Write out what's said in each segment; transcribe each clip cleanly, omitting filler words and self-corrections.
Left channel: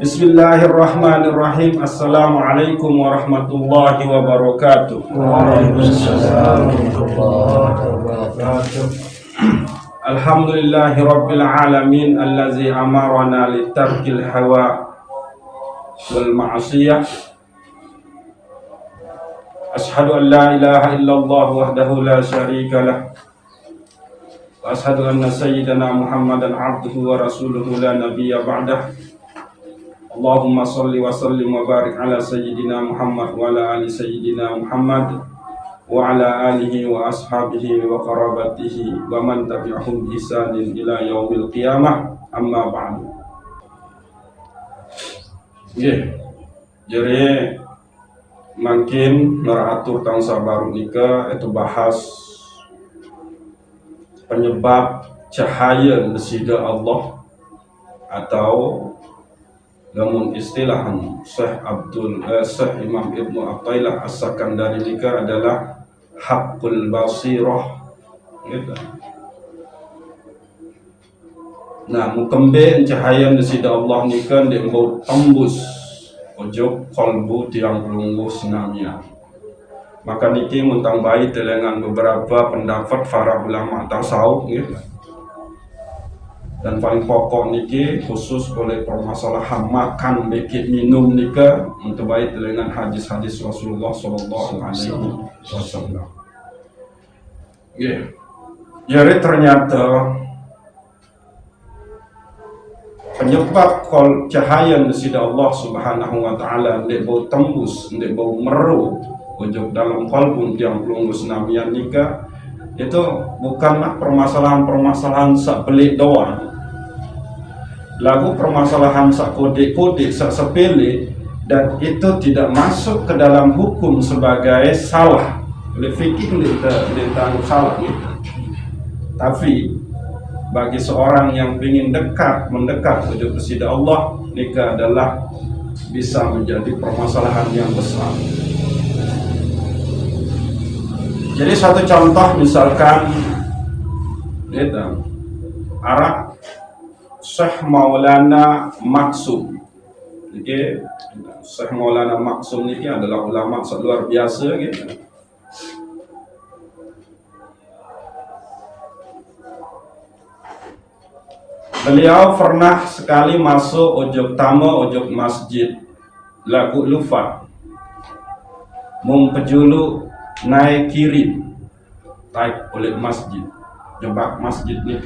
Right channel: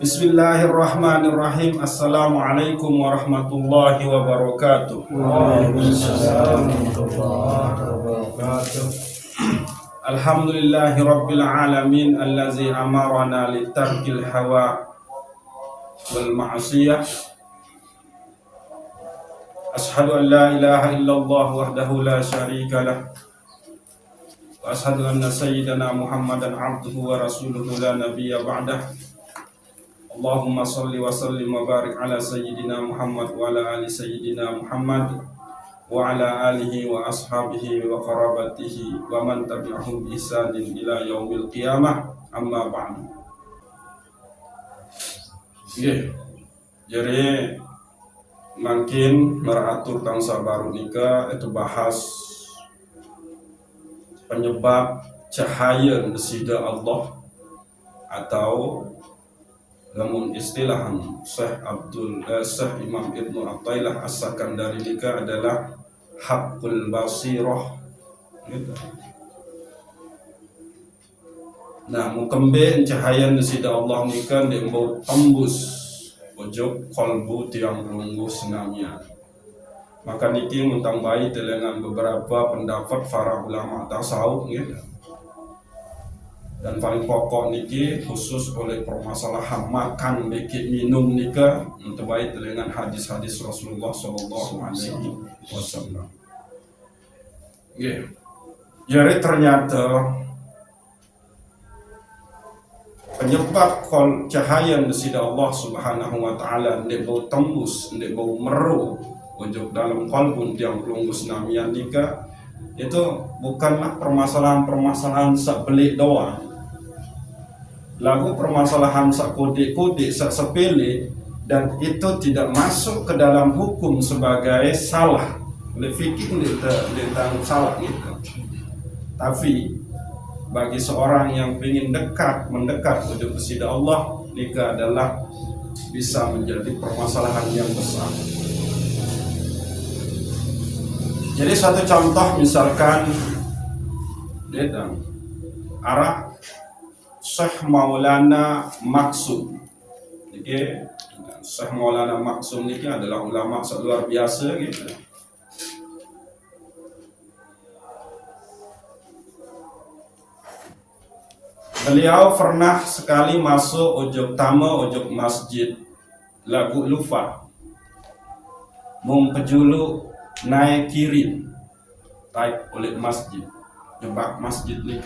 Bismillahirrahmanirrahim. Assalamualaikum warahmatullahi wabarakatuh. Waalaikumsalam warahmatullahi wabarakatuh. Alhamdulillahi rabbil alamin allazi amarana litarkil hawa wal ma'asiyah. Ashhadu an la ilaha illallah wahdahu la syarika lah. Wa ashhadu anna sayyidana Muhammadan abduhu wa rasuluhu la nabiyya ba'dah. Allahumma salli wa sallim wa barik ala sayyidina Muhammad wa ala ali sayyidina Muhammad wa ala alihi wa ashabihi wa qarabatihi wa man tabi'ahum bi ihsanin ila yaumil qiyamah, amma ba'du. Jadi makin meratur tangsa baru nikah itu bahas penyebab cahaya nesida Allah, atau namun istilahan Syekh Imam Ibnu Athaillah As-Sakandari nikah adalah haqqul basirah gitu. Nah, mukemben cahaya nesida Allah nikah dembau tembus ojo kalbu tiang pelungguh senamia. Maka niki muntang baik dengan beberapa pendapat para ulama tasawuf gitu. Dan paling pokok niki khusus oleh permasalahan makan, bekit, minum nika untuk baik dengan hadis-hadis Rasulullah Sallallahu Alaihi Wasallam. Jadi ternyata penyebab cahaya nesida Allah Subhanahu Wa Taala ndek bau tembus, ndek bau meru ujung dalam kalbun yang belum senamian nika itu bukanlah permasalahan sak belik doang. Lagu permasalahan sak kode-kode, sak sepele, dan itu tidak masuk ke dalam hukum sebagai salah. Oleh fikih ditanggung salah gitu. Tapi bagi seorang yang ingin mendekat menuju kepada Allah, nikah adalah bisa menjadi permasalahan yang besar. Jadi satu contoh misalkan gitu, Arab Syekh Maulana Maksum. Jadi Syekh Maulana Maksum ini adalah ulama luar biasa gitu. Beliau pernah sekali masuk ojok masjid lagu lufa mumpejulu naik kiri taik oleh masjid jebak masjid ni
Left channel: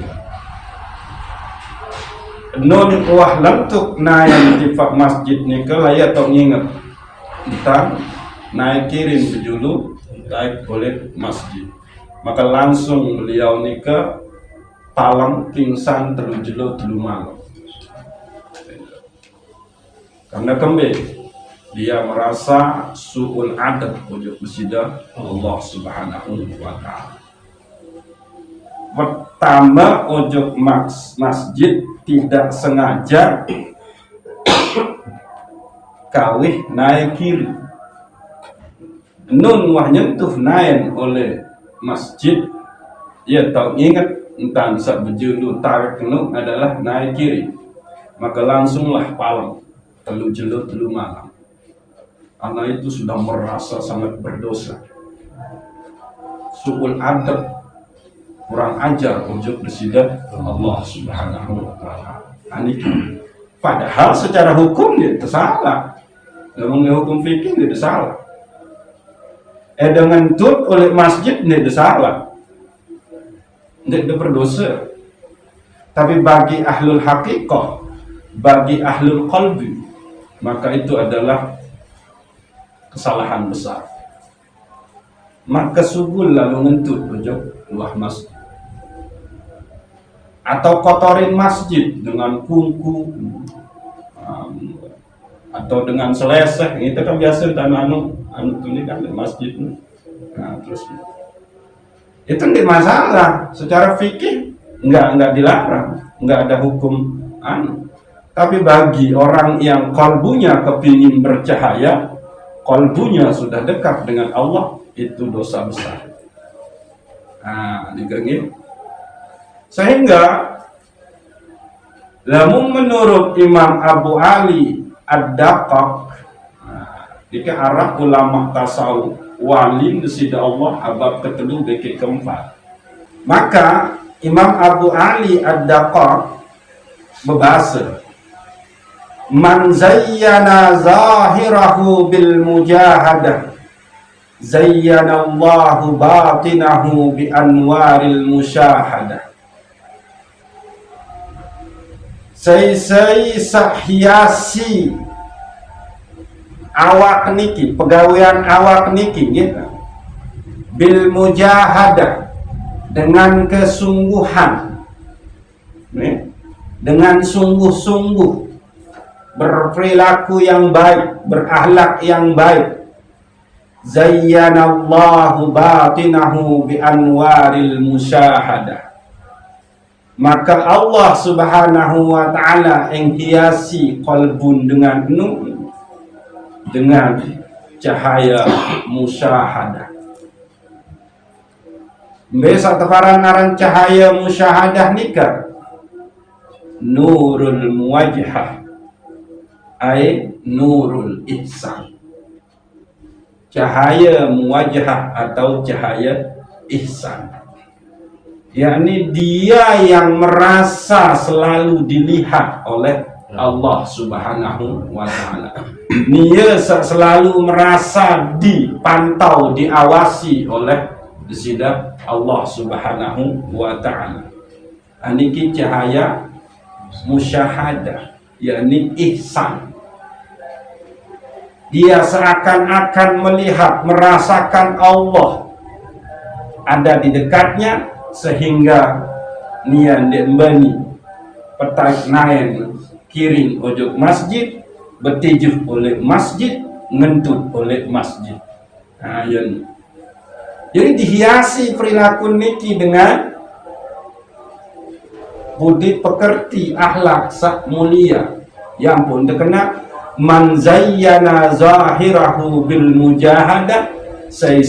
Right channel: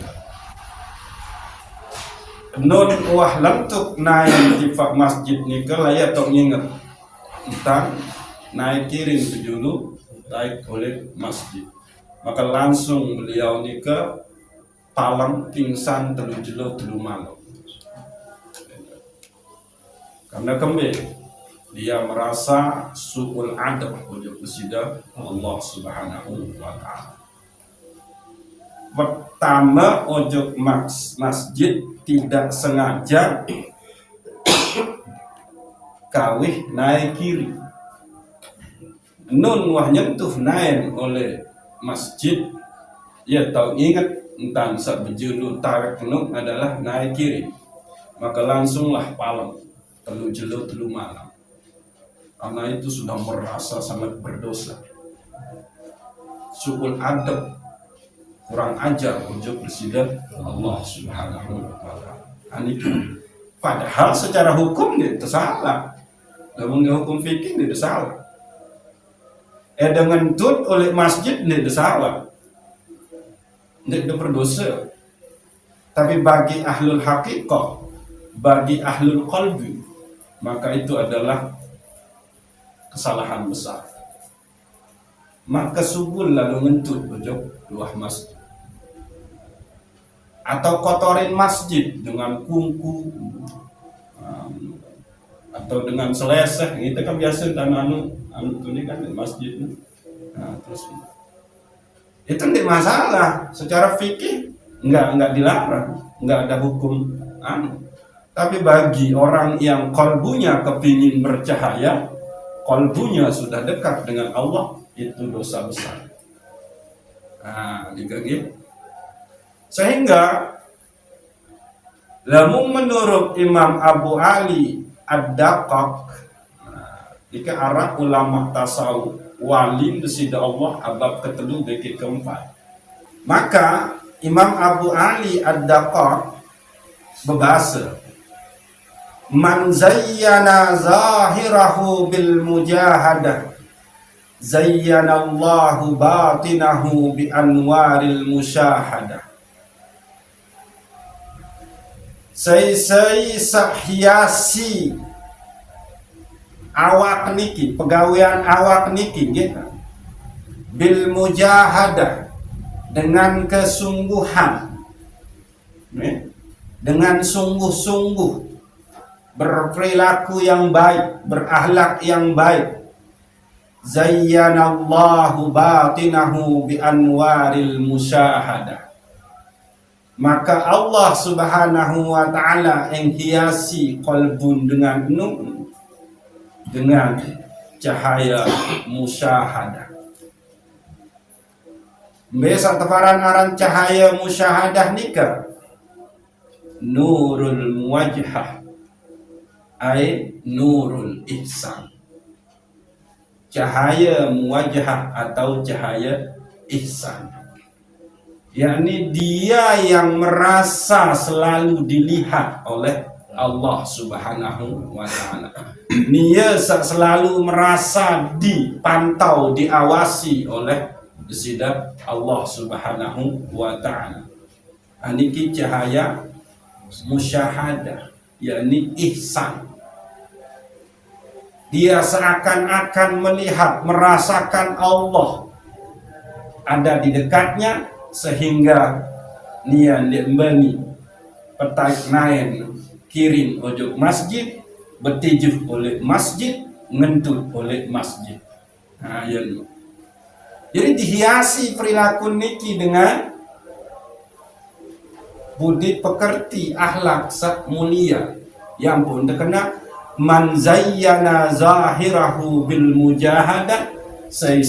nun wah lentuk naik tifak masjid ni ke layak tok nginget tentang naik kirim pejulu taik oleh masjid, maka langsung beliau ni ke palang pingsan telu malam karena dia merasa su'ul adab ujub besida Allah Subhanahu wa Ta'ala. Pertama ujub masjid tidak sengaja kawih naik kiri. Nun wah nyentuh naik oleh masjid, ia tahu ingat entah saat berjulu tarik nun adalah naik kiri, maka langsunglah palang telu malam. Anak itu sudah merasa sangat berdosa, su'ul adab, kurang ajar ujub bersidah Allah Subhanahu wa Ta'ala. Padahal secara hukum dia tersalah, namun hukum fikih dia tersalah. Dengan tut oleh masjid dia tersalah, dia berdosa. Tapi bagi ahlul haqiqah, bagi ahlul qalbi, maka itu adalah kesalahan besar. Maka subul lalu ngentut ujub luah masjid, atau kotorin masjid dengan kungku atau dengan seleseh, itu kan biasa tanah anu ini kan di masjid. Nah, terus itu tidak masalah secara fikih, enggak dilarang, enggak ada hukum anu. Tapi bagi orang yang kalbunya kepingin bercahaya, kalbunya sudah dekat dengan Allah, itu dosa besar. Nah, diganggu. Sehingga Lamun menurut Imam Abu Ali Ad-Daqqaq, jika Arab ulama tasawuf wali sida Allah abab ketelu beki keempat, maka Imam Abu Ali Ad-Daqqaq berbahasa, man zayyana zahirahu bil mujahadah zayyana Allahu batinahu bi anwaril musyahadah. Saya hiasi awak niki, pegawaian awak niki gitu. Bil mujahadah, dengan kesungguhan, dengan sungguh-sungguh berperilaku yang baik, berakhlak yang baik. Zayyanallahu batinahu bi anwaril musyahadah, maka Allah subhanahu wa ta'ala menghiasi qalbun dengan nur, dengan cahaya musyahadah. Besok tefaran naran cahaya musyahadah nikah nurul muwajhah, ay nurul ihsan, cahaya muwajhah atau cahaya ihsan, yakni dia yang merasa selalu dilihat oleh Allah subhanahu wa ta'ala. Dia selalu merasa dipantau, diawasi oleh sida Allah subhanahu wa ta'ala. Ini cahaya musyahadah, yakni ihsan. Dia seakan-akan melihat, merasakan Allah ada di dekatnya, sehingga nian dembani petak naen kiring ojok masjid, bertijuh oleh masjid, ngentut oleh masjid. Nah, jadi dihiasi perilaku niki dengan budi pekerti, akhlak sak mulia, yang pun terkena man zayyana zahirahu bil mujahadah, saya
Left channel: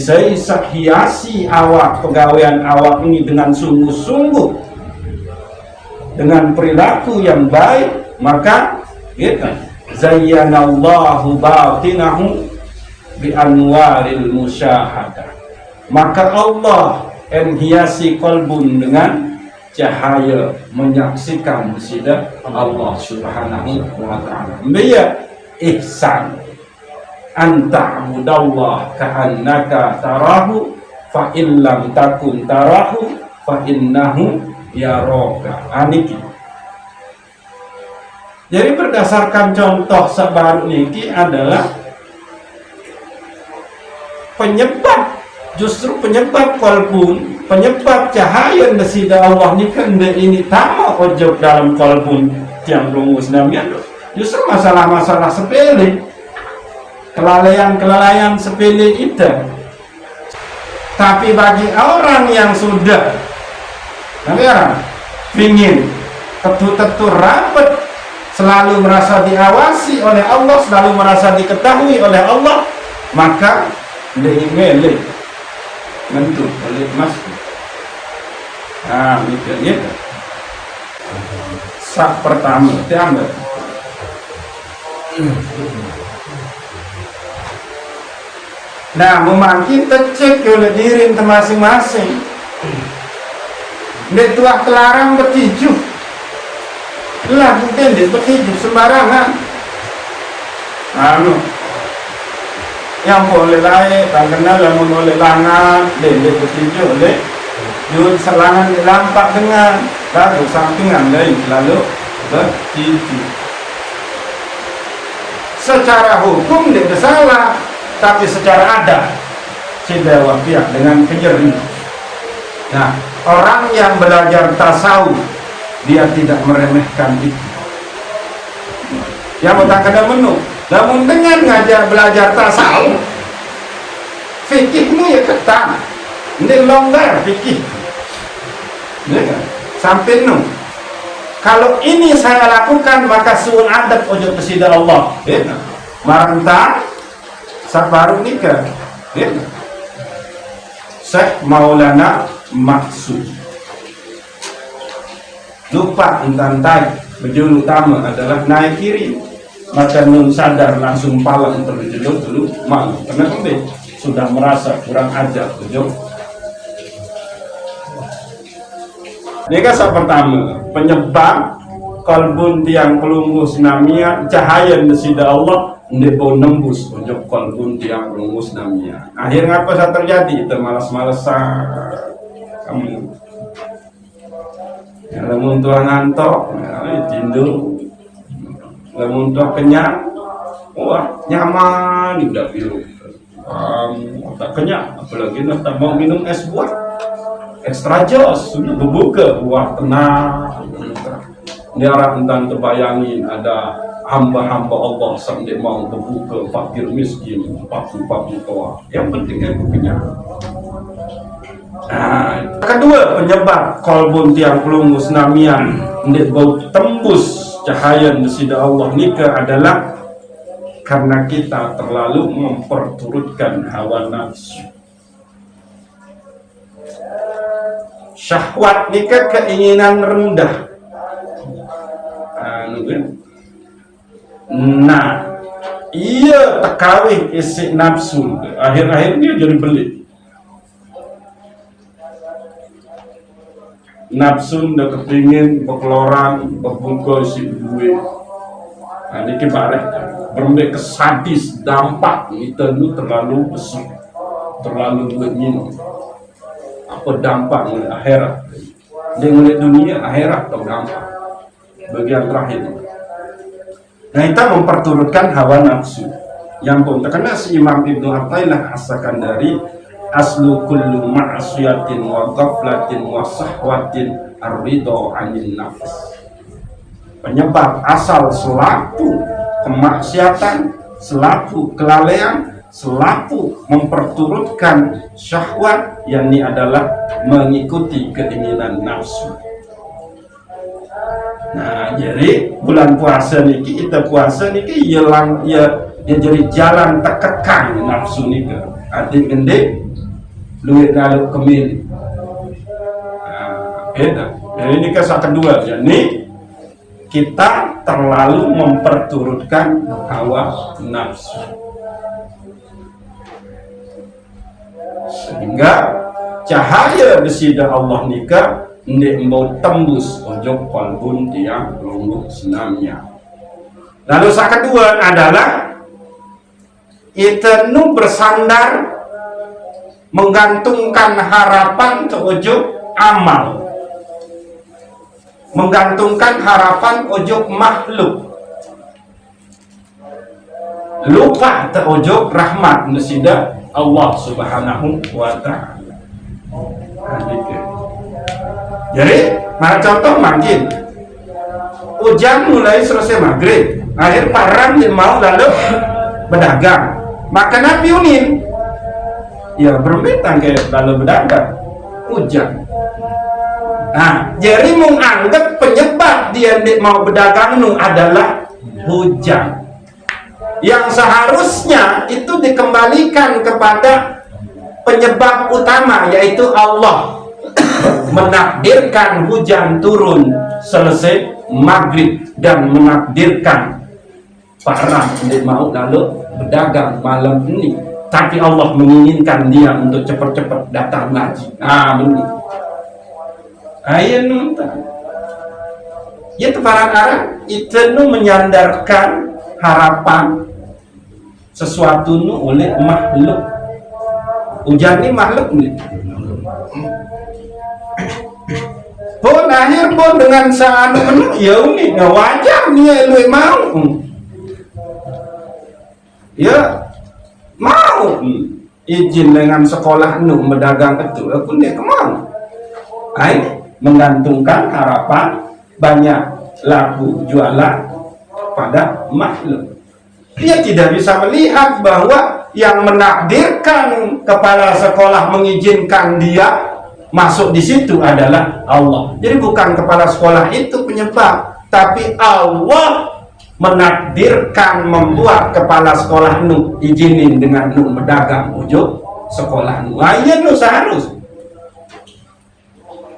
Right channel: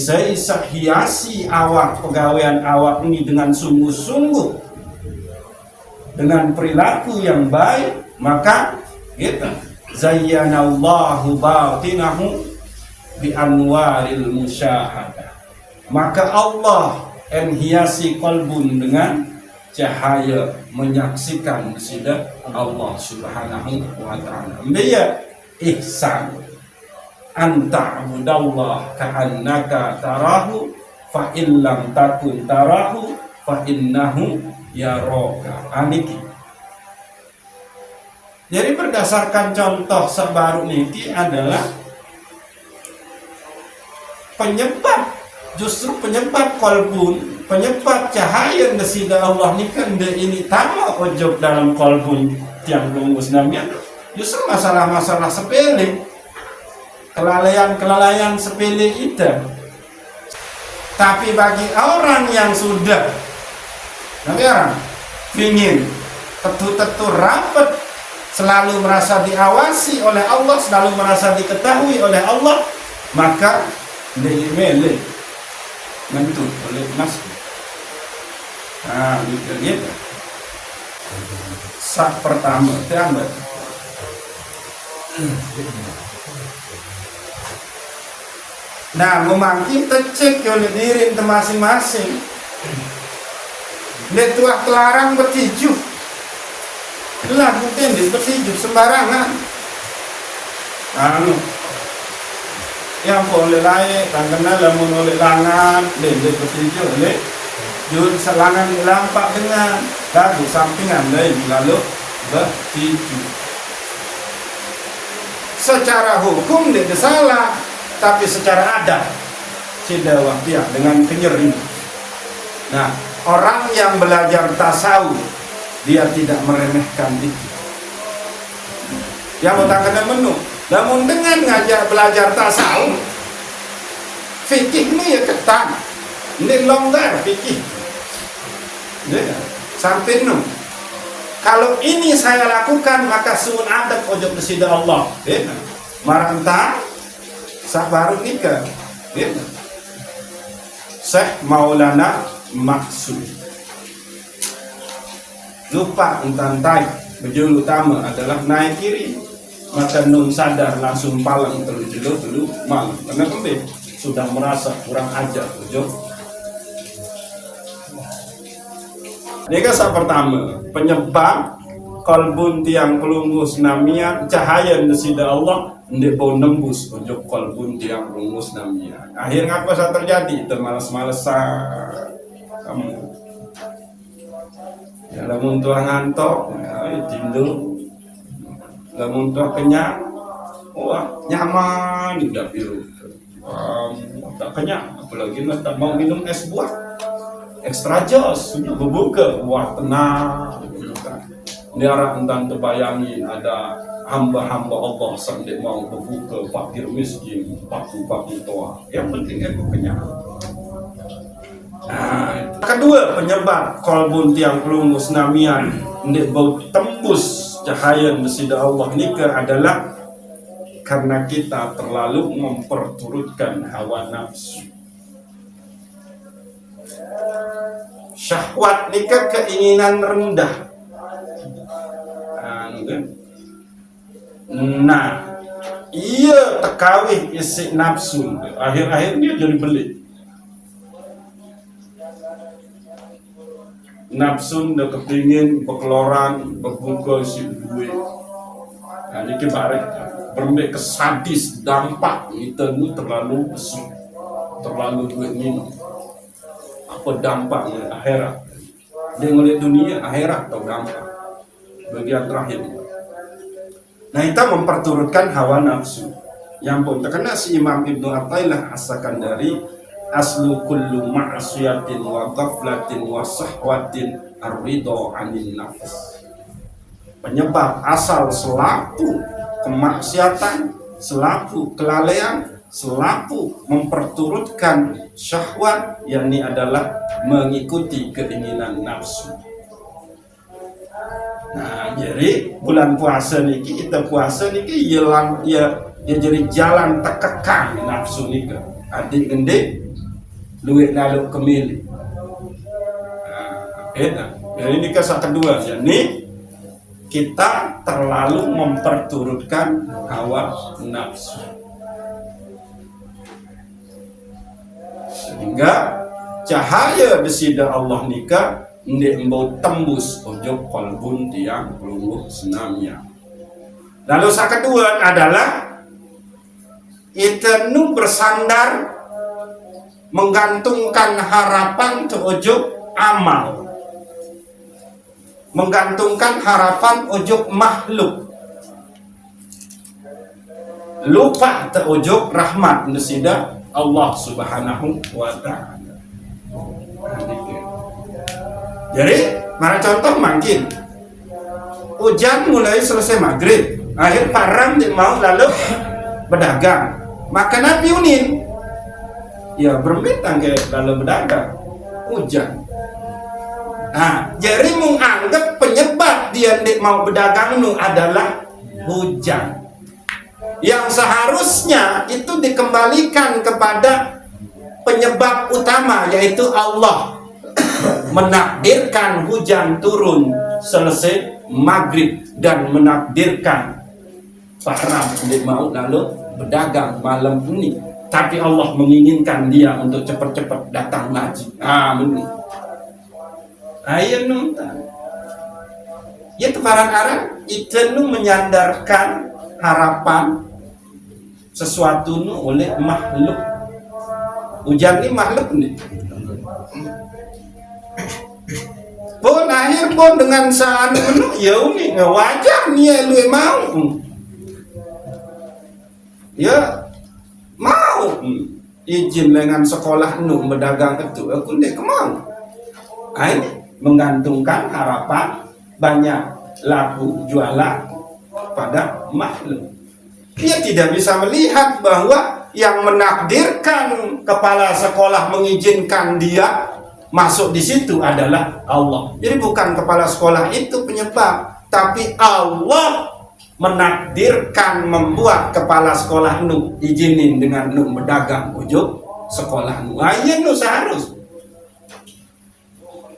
hiasi awak, pegawaian awak ini dengan sungguh-sungguh, dengan perilaku yang baik, maka kita zayyanallahu batinahu bi anwaril musyahadah, maka Allah menghiasi qalbun dengan cahaya menyaksikan sida Allah subhanahu wa ta'ala. Biya ihsan anta'budallah ka'annaka tarahu fa illam takun tarahu fa innahu yaraka. Aniki. Jadi berdasarkan contoh sabaru niki adalah penyebab, justru penyebab kolbun, penyebab cahaya nasida Allah ni kan ini tama ojok dalam kolbun tiang rungus namian, justru masalah-masalah sepele, kelalaian sepele itu. Tapi bagi orang yang sudah ingin tetu-tetu rapat, selalu merasa diawasi oleh Allah, selalu merasa diketahui oleh Allah, maka diimeli ngentut oleh masjid. Nah, itu sak pertama diambil. Nah, memakin tercek oleh diri masing-masing. Betuah kelarang bertijuh. Lah, mungkin dia bertijuh sembarangan. Yang boleh lain, tangannya lamun oleh langan, dia bertijuh oleh jurus selangan dilampak dengan baru sampingan lain lalu bertijuh. Secara hukum dia bersalah, tapi secara adat sebawa pihak dengan kenyeri. Nah, orang yang belajar tasawuf dia tidak meremehkan itu. Yang utangkan menu, namun dengan ngajar belajar tasawuf, fikihmu ya ketat, ini longgar fikih. Ya, sampai nu. Kalau ini saya lakukan maka suul adab ojo kesida Allah. Ya, maranta sabaru nikah. Ya. Syekh Maulana Maksud lupa entantai Bejul utama adalah naik kiri, maka nun sadar langsung palang terjejol dulu malu karena kembali sudah merasa kurang ajar bejul. Ini kan pertama penyebab kalbun tiang pelungus namanya cahaya nesida Allah ndebo nembus ojok kalbun tiang pelungus namanya. Akhirnya apa yang terjadi? Itu malas-malasan kamu. Ya, lamun tua ngantok, ya, tidur. Lamun tua kenyang, wah nyaman udah biru. Tak kenyang, apalagi tak mau minum es buah, extra jos, berbuka buah tenang. Ini orang tentang terbayangin ada hamba-hamba Allah sampai mau berbuka fakir miskin, papu tua. Yang penting aku kenyang. Nah, kedua penyebab kalbun tiang pelungus namian ndik bau tembus cahaya nesida Allah nikah adalah karena kita terlalu memperturutkan hawa nafsu. Syahwat nikah keinginan rendah. Nah, iya tekawih isi nafsu. Akhir-akhir dia jadi belit. Nafsu ndak kepingin berkeloran berbuka si duit. Nah, ini balik berembek ke sadis dampak kita nu terlalu besar, terlalu duit minum. Apa dampaknya akhirat? Dengan dunia akhirat atau dampak? Bagian terakhir. Nah, kita memperturutkan hawa nafsu. Yang pun terkena si Imam Ibnu Athaillah As-Sakandari aslu kullu ma'asiyatin wa ghaflatin wa sahwatin ar-ridha 'anil nafs. Penyebab asal selaku kemaksiatan, selaku kelalaian, selaku memperturutkan syahwat, yakni adalah mengikuti keinginan nafsu. Nah, jadi bulan puasa niki kita puasa niki ya jadi jalan terkekang nafsu niki. Adik gede duit lalu kemil. Beda. Jadi ini kisah kedua, yakni kita terlalu memperturutkan hawa nafsu, sehingga cahaya besida Allah nikah ndek mau tembus ojok kalbun tiang pelungguh senamnya. Lalu yang kedua adalah kita nu bersandar menggantungkan harapan ke ujung amal, menggantungkan harapan ujung makhluk, lupa ke ujung rahmat nesida Allah Subhanahu wa Ta'ala. Jadi, maka contoh makin hujan mulai selesai maghrib, akhir parang mau lalu berdagang, maka Nabi unin ya berbeda kayak lalu berdagang hujan. Nah, jadi menganggap penyebab dia mau berdagang nu adalah hujan, yang seharusnya itu dikembalikan kepada penyebab utama, yaitu Allah menakdirkan hujan turun selesai maghrib dan menakdirkan parang dia mau lalu berdagang malam ini. Tapi Allah menginginkan dia untuk cepat-cepat datang ngaji. Amin. Ayat nonton. Itu kadang-kadang itu menyandarkan harapan sesuatu nu oleh makhluk. Hujan ini makhluk nih. Pun akhir pun dengan saat ya ini nggak wajar nih lu mau. Ya. Mau izin dengan sekolah nu berdagang itu, aku nih kemana? Ini menggantungkan harapan banyak laku jualan pada makhluk. Dia tidak bisa melihat bahwa yang menakdirkan kepala sekolah mengizinkan dia masuk di situ adalah Allah. Jadi bukan kepala sekolah itu penyebab, tapi Allah menakdirkan membuat kepala sekolah nu izinin dengan nu berdagang ujung sekolah nu. Ayo nu seharus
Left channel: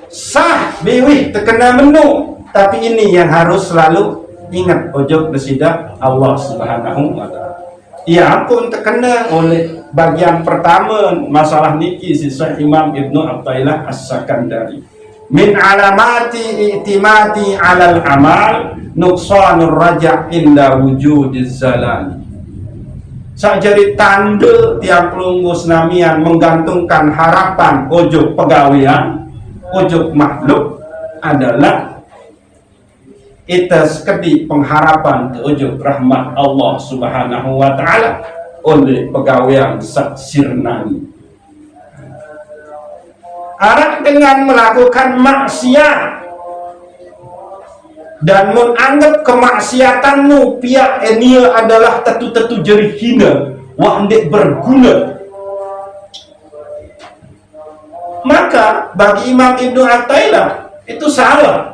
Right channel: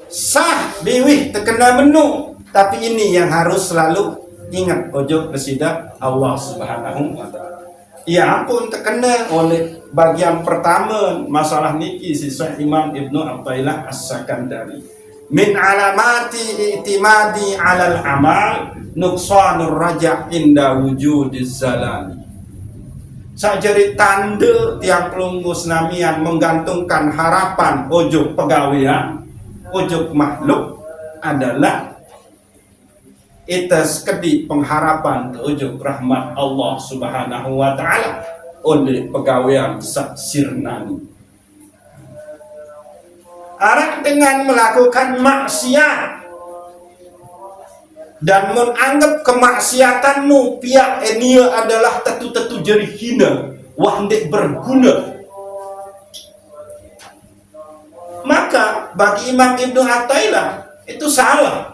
sah biwih terkena menu Tapi ini yang harus selalu ingat, ojo bersida Allah Subhanahu wa ta'ala. Ya pun terkena oleh bagian pertama masalah niki sisa Imam Ibnu Athaillah As-Sakandari. Min alamati i'timadi 'alal amal nuqsanur raja' inda wujudiz zalali. Sajari tanda tiap pelunggus namian menggantungkan harapan ojo pegawaian, ojo makhluk adalah itas kedi pengharapan ojo rahmat Allah Subhanahu wa ta'ala oleh pegawaian saksirnani. Arah dengan melakukan maksiat dan menganggap kemaksiatanmu pihak ini adalah tetu-tetu jari hina wah ndek berguna, maka bagi Imam Ibnu Athaillah itu salah.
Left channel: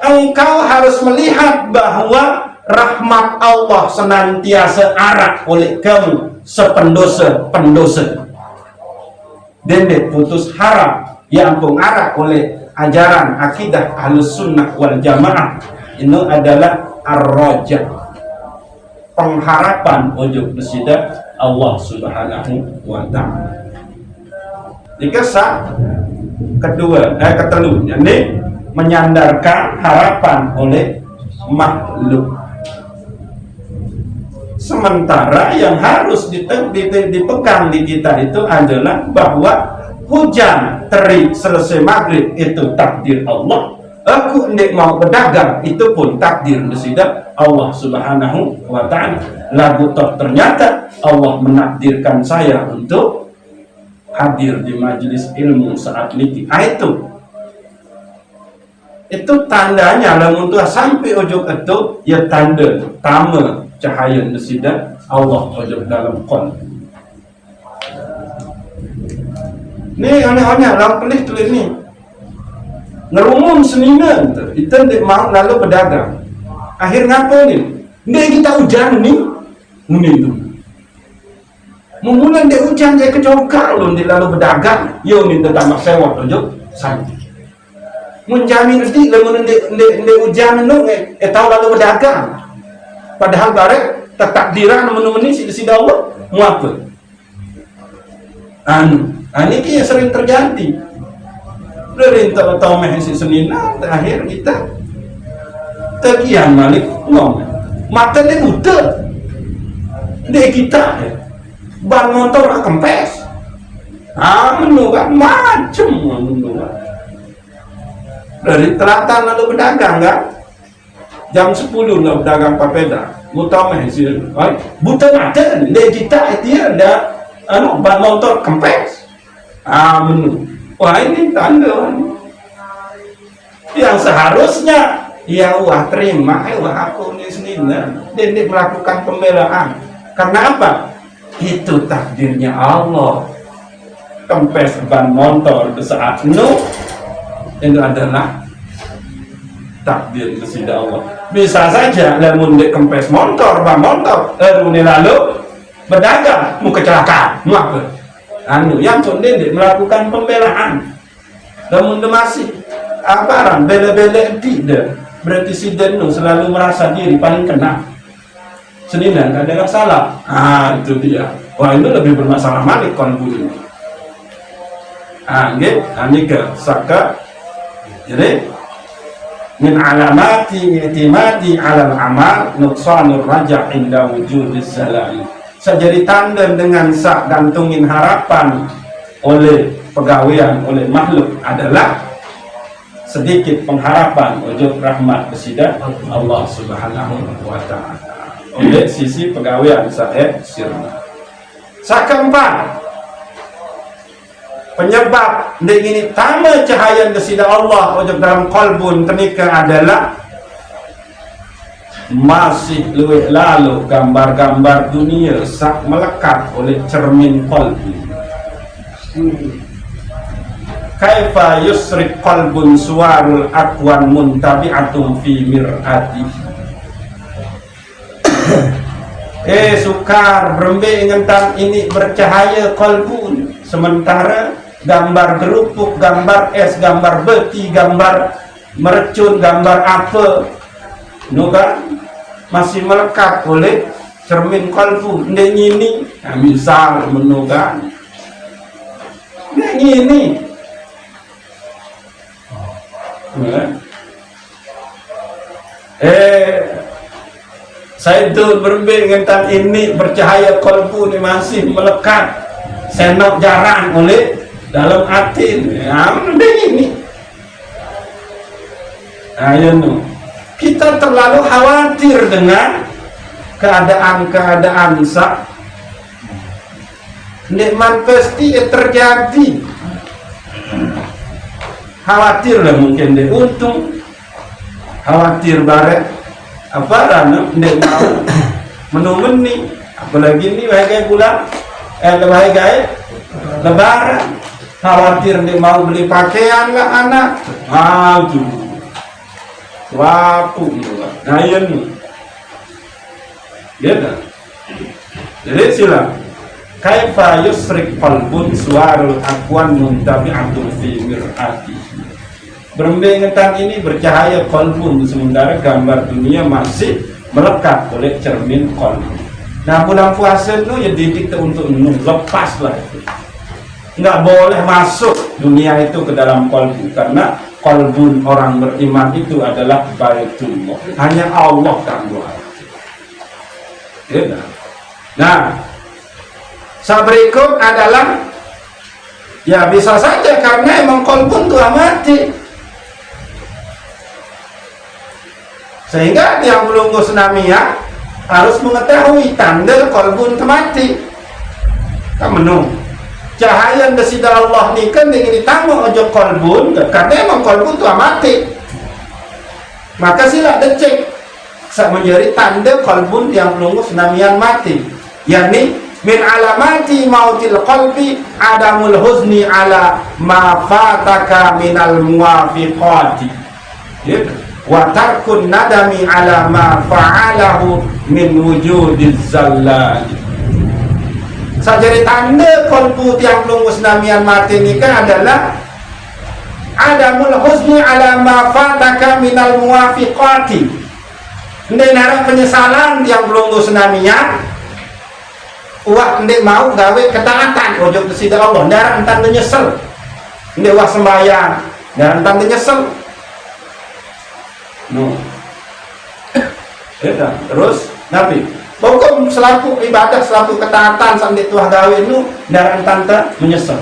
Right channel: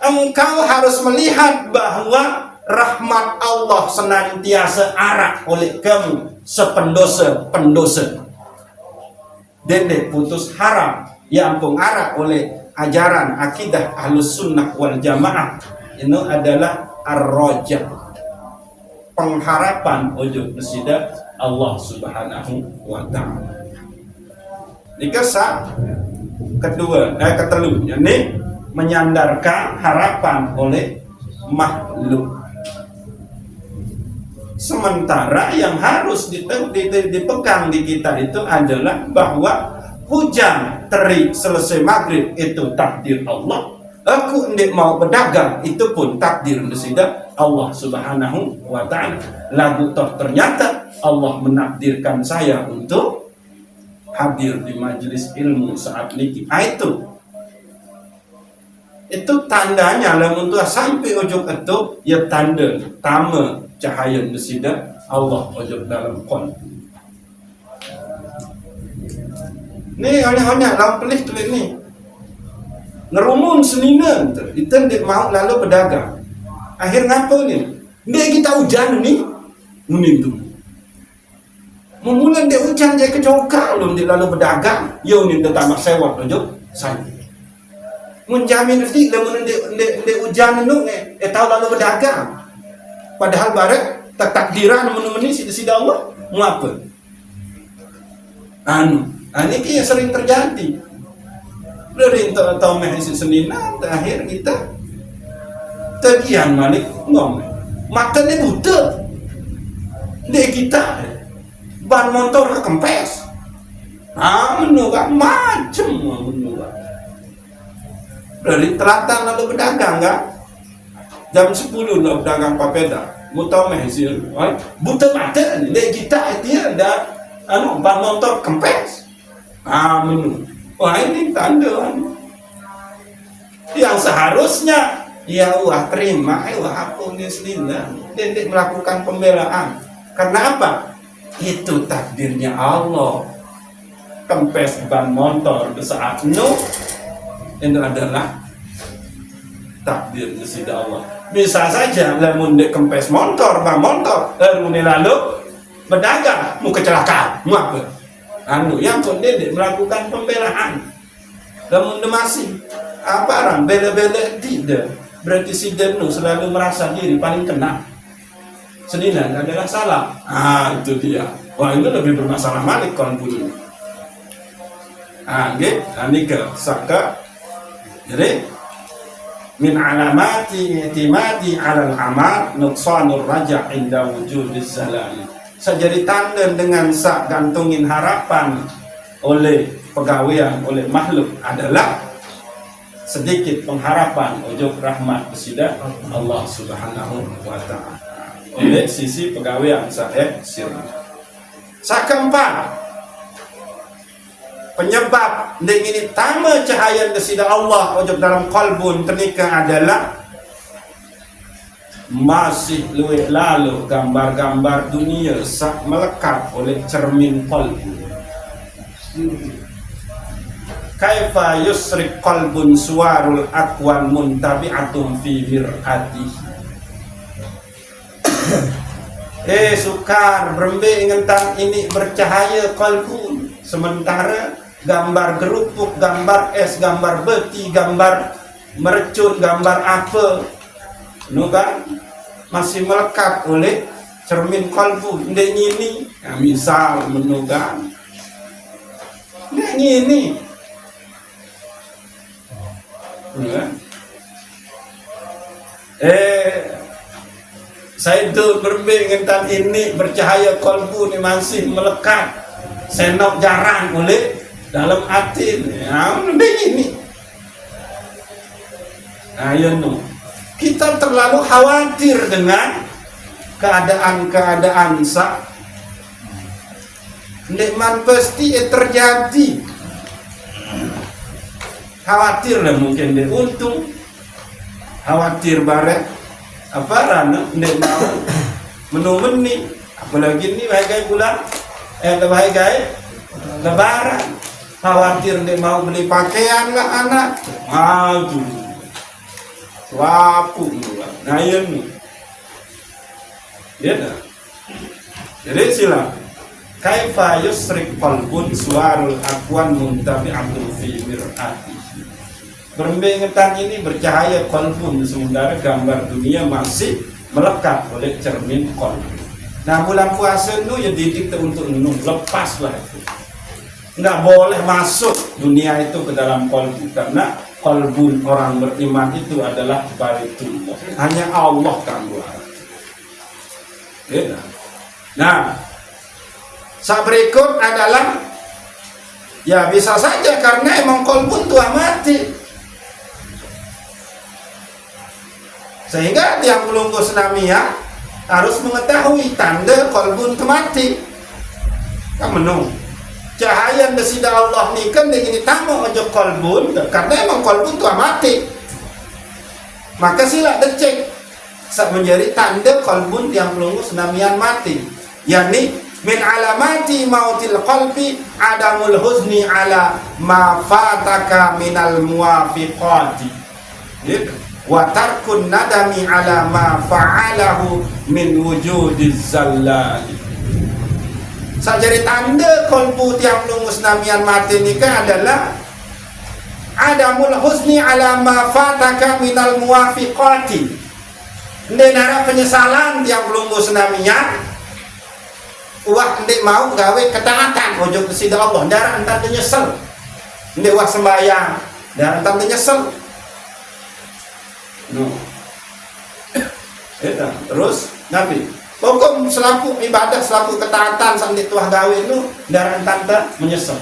Engkau harus melihat bahwa rahmat Allah senantiasa arah oleh kamu sependosa-pendosa, dan putus harap yang pengarah oleh ajaran akidah Ahlus Sunnah wal Jamaah ini adalah ar-raja, pengharapan ojo bersida Allah Subhanahu wa ta'ala. Dikesah ketelu ini menyandarkan harapan oleh makhluk, sementara yang harus dipegang di kita itu adalah bahwa hujan terik selesai maghrib itu takdir Allah. Aku tidak mau berdagang itu pun takdir bersida Allah Subhanahu wa ta'ala. Lagu toh ternyata Allah menakdirkan saya untuk hadir di majelis ilmu saat ini. Itu tandanya lamun tuh sampai ujung itu ya tanda tama cahaya bersida Allah ujung dalam qalbi. Ni aneh-aneh lalu pelih tulis ni ngerumun seniman tu itu tidak mau lalu berdagang. Akhir ngapa ni? Ni kita hujan ni mungkin tu mula dia hujan dia kecokak lu dia lalu berdagang yo ni tentang sewa tu santai menjamin rezeki lamun dia hujan tu tahu lalu berdagang, padahal barek takdiran menu-menu si Allah mau apa ini yang sering terjadi. Dari tahu mahasiswa Senina terakhir kita tegian Malik ngomong mata dia buta dia kita ban motor kempes menu kan macam menu kan dari telatan lalu berdagang kan jam 10 nak berdagang papeda mau tahu mahasiswa buta mata dia kita dia ada ban motor kempes menu. Wah ini tanda yang seharusnya yang wah terima wah aku di sini dan melakukan pembelaan. Karena apa? Itu takdirnya Allah. Kempes ban motor saat itu adalah takdir bersida Allah. Bisa saja namun di kempes motor ban motor lalu berdagang mau kecelakaan mau apa? Yang penting melakukan pembelaan. Namun masih apa bela-bela tidak berarti si Denu selalu merasa diri paling kena. Seninan adalah salah. Itu dia. Wah itu lebih bermasalah malik kon budi. Ini ke saka. Jadi min alamati i'timadi 'alal amal nuqsanur raja' inda wujudiz zalali. Jadi tanda dengan sak gantungin harapan oleh pegawaian oleh makhluk adalah sedikit pengharapan wujud rahmat bersida Allah Subhanahu wa ta'ala oleh sisi pegawaian saya sirna. Keempat, penyebab ini tama cahaya bersida Allah wujud dalam qalbun kenika adalah masih luwih lalu gambar-gambar dunia sak melekat oleh cermin qalbi. Kaifa yusrik qalbun suwarul akwan muntabi'atun fi mir'ati. Sukar berembe ingetan ini bercahaya qalbun sementara gambar gerupuk, gambar es, gambar beti, gambar merecun, gambar apa, kan masih melekat oleh cermin kalbu. Ndek ini, nah, misal kan, ndek ini, saya itu berbengentan ini bercahaya kalbu ini masih melekat senok jaran oleh dalam hati. Ya, ini. Ayo, kita terlalu khawatir dengan keadaan-keadaan nikmat pasti terjadi. Khawatir lah mungkin deh, untung khawatir baret apa rana ndek mau menumeni, apalagi ini wahai bulan wahai lebaran, khawatir ndek mau beli pakaian lah anak, aduh wapu gitu lah, ngayen ya dah. Jadi silam kaifa yusrik qalbun suarul akwan muntabi'atun fi mir'ati. Berbengetan ini bercahaya qalbun, sementara gambar dunia masih melekat oleh cermin qalbun. Nah, bulan puasa itu ya didikte untuk lepas lah itu. Nggak boleh masuk dunia itu ke dalam qalbun, karena qalbun orang beriman itu adalah baitullah. Hanya Allah kan doa. Ya. Nah, saat berikut adalah ya bisa saja karena emang qalbun telah mati. Sehingga yang belum senamia harus mengetahui tanda qalbun mati. Kan menung cahaya desida Allah ni kan ingin ditamu ojo qalbun, karena emang qalbun telah mati. Maka sila dicek sak menjadi tanda qalbun yang belum senamian mati. Yani min alamati mautil qalbi adamul huzni ala ma fataka minal muwafiqati. Ya. Wa tarkun nadami ala ma fa'alahu min wujudiz zallal. Sajari tanda qalbu yang belum musnamian mati nikah adalah adamul husni ala ma fataka minal muwafiqati. Ini nara penyesalan yang belum musnamian. Wah ndek mau gawe ketaatan ojo kesida Allah, nara entan nyesel. Ndek wah sembahyang, nara entan nyesel. No. Ya, terus nabi pokok selaku ibadah, selaku ketaatan sampai tuah gawe lu daran tante menyesal.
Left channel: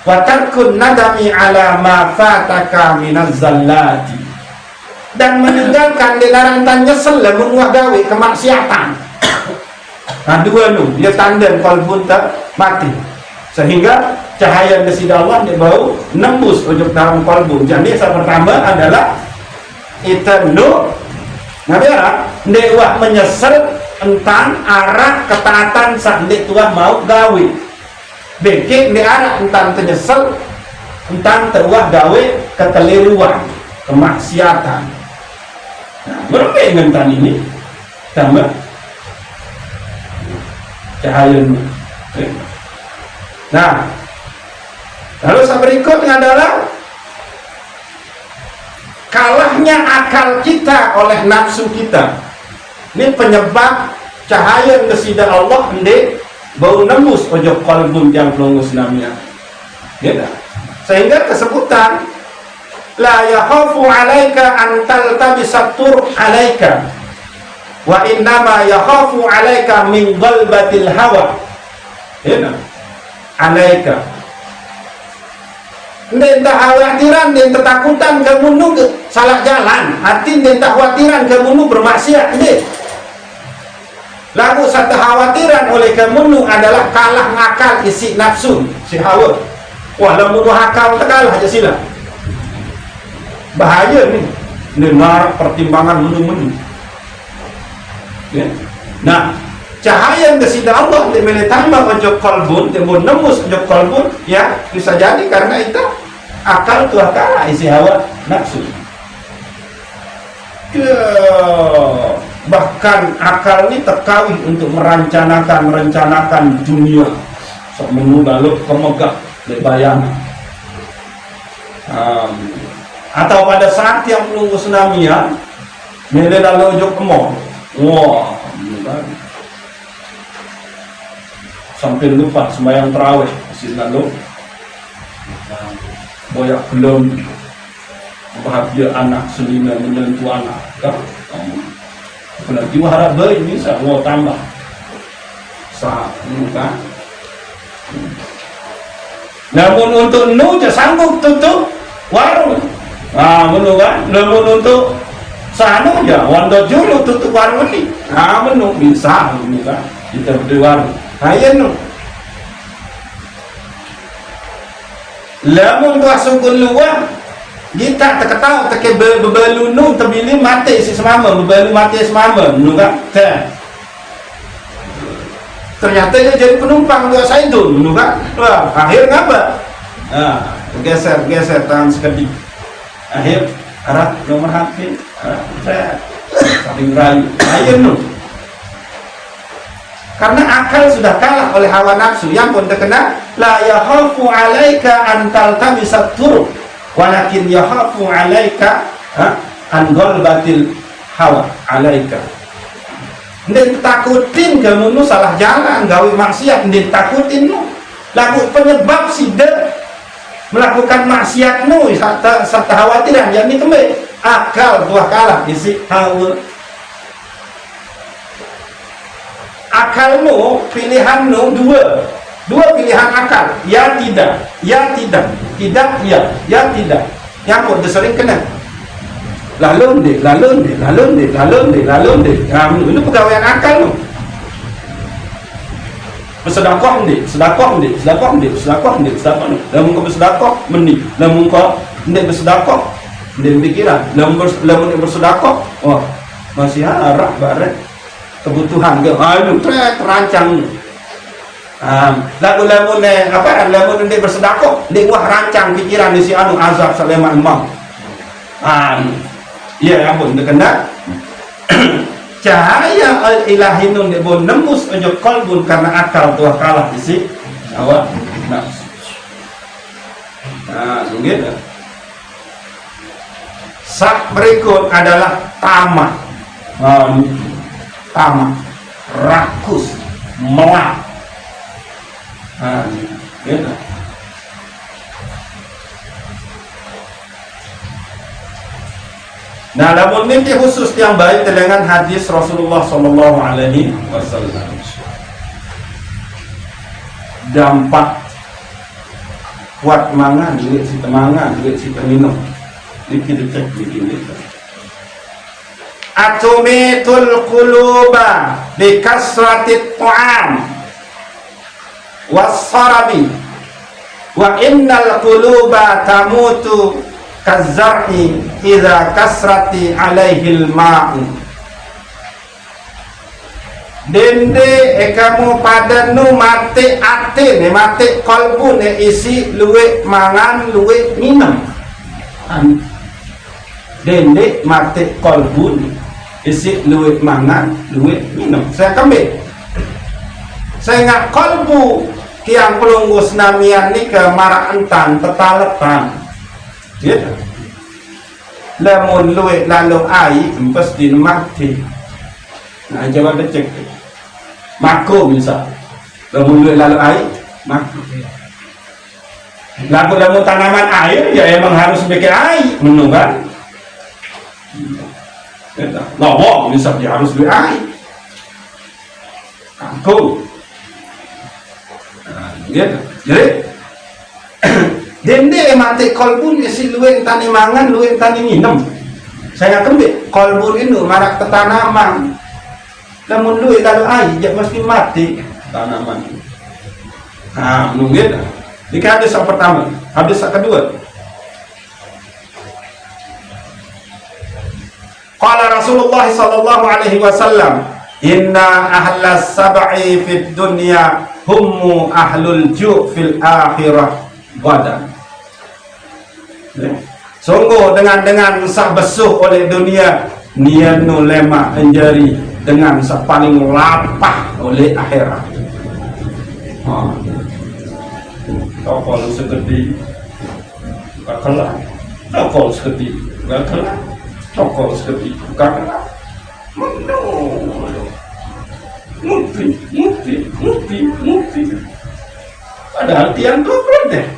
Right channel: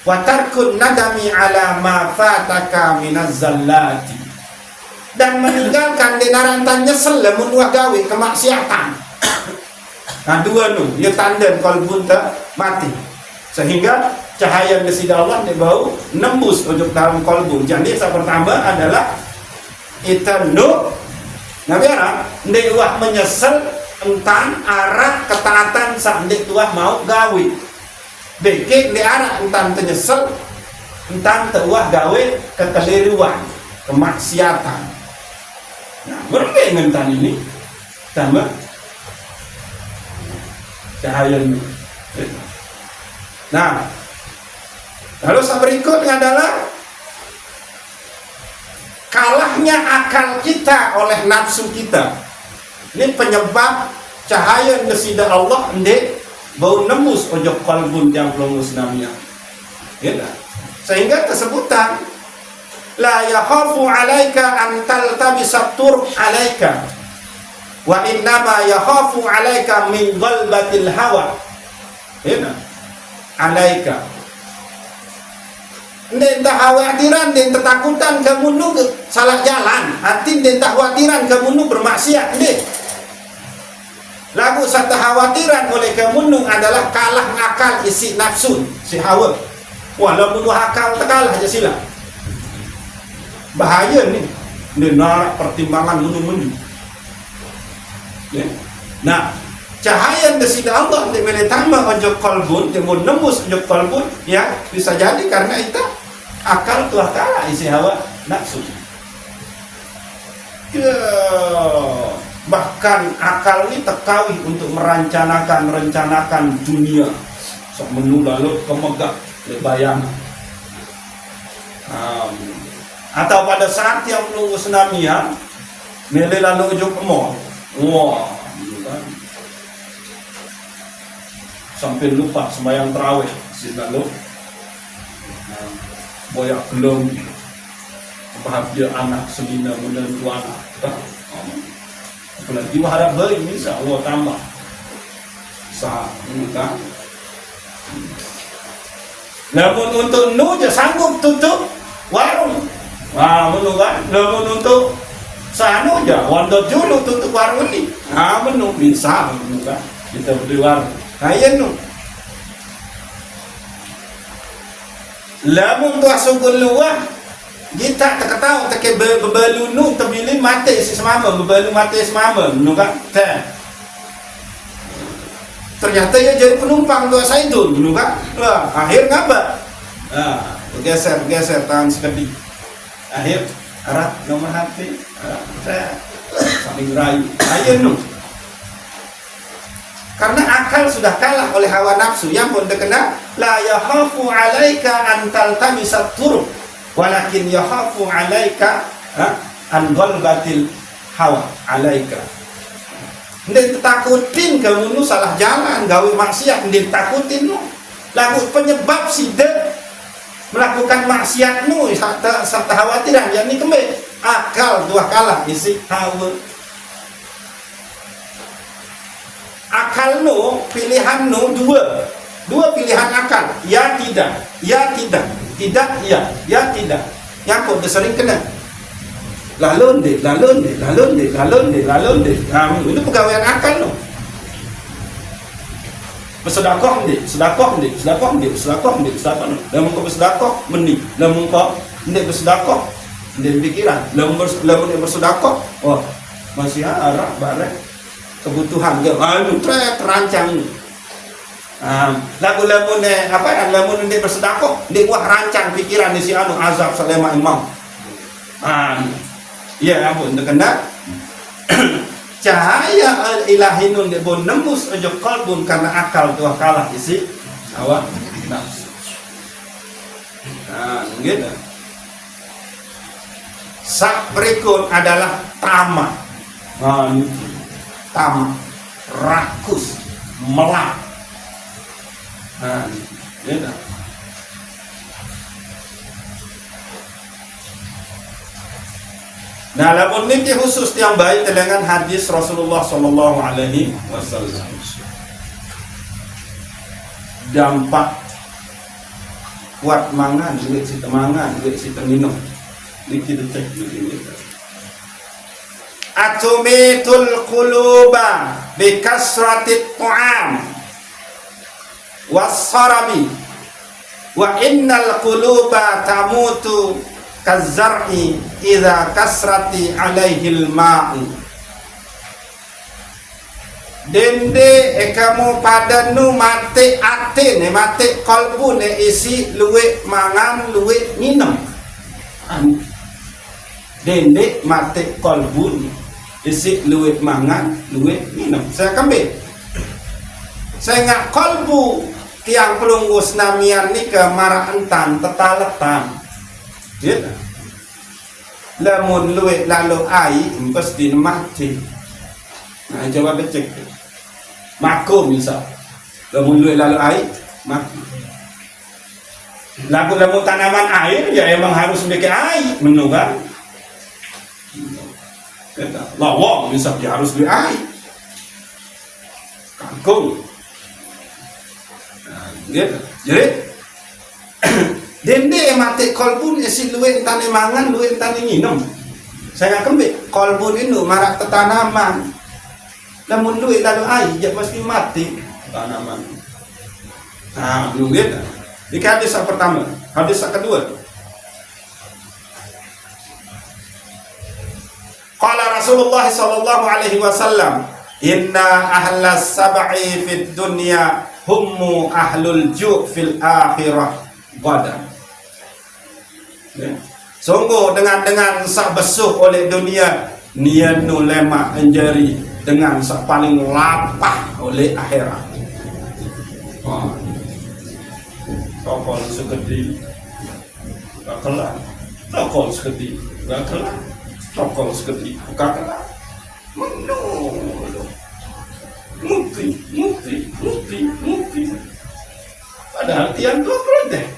Wa tarkun nadami ala ma fataka minaz zallati, dan meninggalkan di daran tante nyesel lamun tuah gawe kemaksiatan. Nah dua lu dia tanda qalbun mati, sehingga cahaya desida Allah dibau nembus ujung dalam qalbun. Jadi yang pertama adalah itanu ngajara ndek wah menyesal entan arah ketaatan sak ndek tuah mau gawe. Beke ndek arah entan menyesal entan tuah gawe kekeliruan, kemaksiatan. Nah, berbeda entan ini tambah cahaya. Nah, lalu yang berikutnya adalah kalahnya akal kita oleh nafsu kita. Ini penyebab cahaya desida Allah ndek bau nembus ojo qalbun yang belum musnamia. Ya. Sehingga kesebutan la yakhafu alaika an taltabisa tur alaika wa innama yakhafu alaika min ghalbatil hawa. Ya. Alaika ndek khawatiran, ndek ketakutan kamu nunggu salah jalan, hati ndek khawatiran kamu nunggu bermaksiat ndek. Lalu satu khawatiran oleh kamu nunggu adalah kalah ngakal isi nafsu si hawa. Wah lamun akal kalah aja sila. Bahaya nih, dengar pertimbangan menu-menu. Ya. Nah, cahaya desida Allah di menetama ojo qalbun, di nembus ojo qalbun, ya bisa jadi karena itu akal tuah kalah isi hawa nafsu. Ya, bahkan akal ini terkawin untuk merencanakan dunia sok menu lalu kemegah lebayan. Atau pada saat yang menunggu tsunami ya, mele lalu ujung kemol, wah, sampai lupa sembahyang terawih masih lalu banyak belum bahagia anak sembilan menyentuh anak kan, apalagi harap bayi bisa mau tambah saat kan. Namun untuk nu je sanggup tutup warung. Menu kan. Namun untuk sanu ya wanda julu tutup warung ni. Menu bisa menu kan. Kita beli warung. Ya nu. Lamun kau sungguh luar, kita tak tahu tak bebalu nu terbili mati si semama, bebalu mati semama, nu kan. Ternyata dia jadi penumpang ke Saidun, dulu kan? Wah, akhir ngapa? Geser tangan sekedip. Akhir arah nomor HP, saling rayu. Ayo nu. Karena akal sudah kalah oleh hawa nafsu yang pun terkena la yahafu alaika an taltamisat turuq walakin yahafu alaika an ghalbatil hawa alaika. Ndek takutin kamu nu salah jalan gawe maksiat, ndek takutin nu lagu penyebab sida melakukan maksiat nu sata khawatiran yakni kembe akal buah kalah isi hawa. Akal nu pilihan nu dua pilihan akal, ya tidak, tidak ya tidak, yang pun sering kena lalu deh. Ini pegawaian akal lu. Bersedekah deh. Lamun kau bersedekah meni, lamun kau tidak bersedekah, tidak pikiran. Lamun bersedekah, oh masih arah baret kebutuhan ke. Terancang. Lamun lamun dia bersedekah, dia wah rancang pikiran di si anu azab salema imam. Iya ampun, kena cahaya al-ilahi nun dibun nembus ujung kalbun karena akal tuah kalah isi awak nafsu. Begitu. Sak berikut adalah tamak, rakus, melak. Gitu. Nah, namun mimpi khusus yang baik dengan hadis Rasulullah Sallallahu Alaihi Wasallam. Dampak kuat mangan, duit si temangan, duit si minum, dikit cek dikit. Atumitul quluba bi kasratit ta'am was-sarabi wa innal quluba tamutu kazar'i idza kasrati alaihil ma'u. Dende kamu pada nu mati ate ne mati kalbu ne isi luwe mangan luwe minum. Dende mati kalbu ne isi luwe mangan luwe minum. Saya kembali. Saya ngak kalbu tiang pelunggu senamian ni ke marantan tetalepan. Gitu. Lamun luwe lalu ai empas din mati. Nah coba cek. Mako bisa. Lamun luwe lalu ai mako. Lamun tanaman air ya emang harus pakai air, menu kan? Gitu. Lawang bisa dia harus beli air. Kangkung. Gitu. Jadi dende mati kolbun isi luwe tani mangan luwe tani minum. Saya kembali kolbun itu marak tanaman. Namun luwe lalu air dia mesti mati tanaman. Nunggu. Ini hadis yang pertama, hadis yang kedua. Qala Rasulullah sallallahu alaihi wasallam, "Inna ahlas sab'i fid dunya hum ahlul ju' fil akhirah badan." Sungguh dengan sah besuh oleh dunia nianu lema menjadi dengan sah paling lapah oleh akhirat. tokol segede kakelah, tokol segede kakelah, tokol segede kakelah. Mukti. Padahal tiang tuh protes.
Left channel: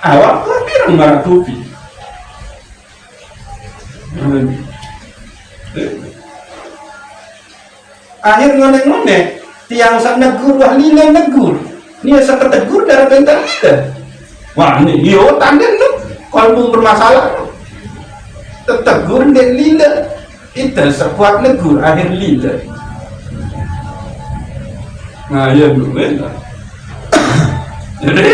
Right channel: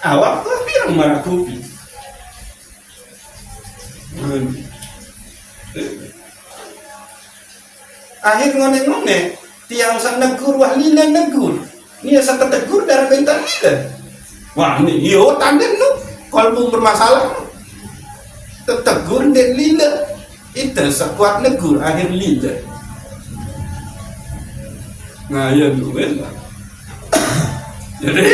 Awak tuh bilang marah kopi. Akhir ngone tiang sak negur wah lina negur. Nia sak tegur darah bentar lina. Wah ini yo tanden nu kalau bermasalah. Tegur dan lina. Itu sekuat negur akhir lina. Nah ya dulu jadi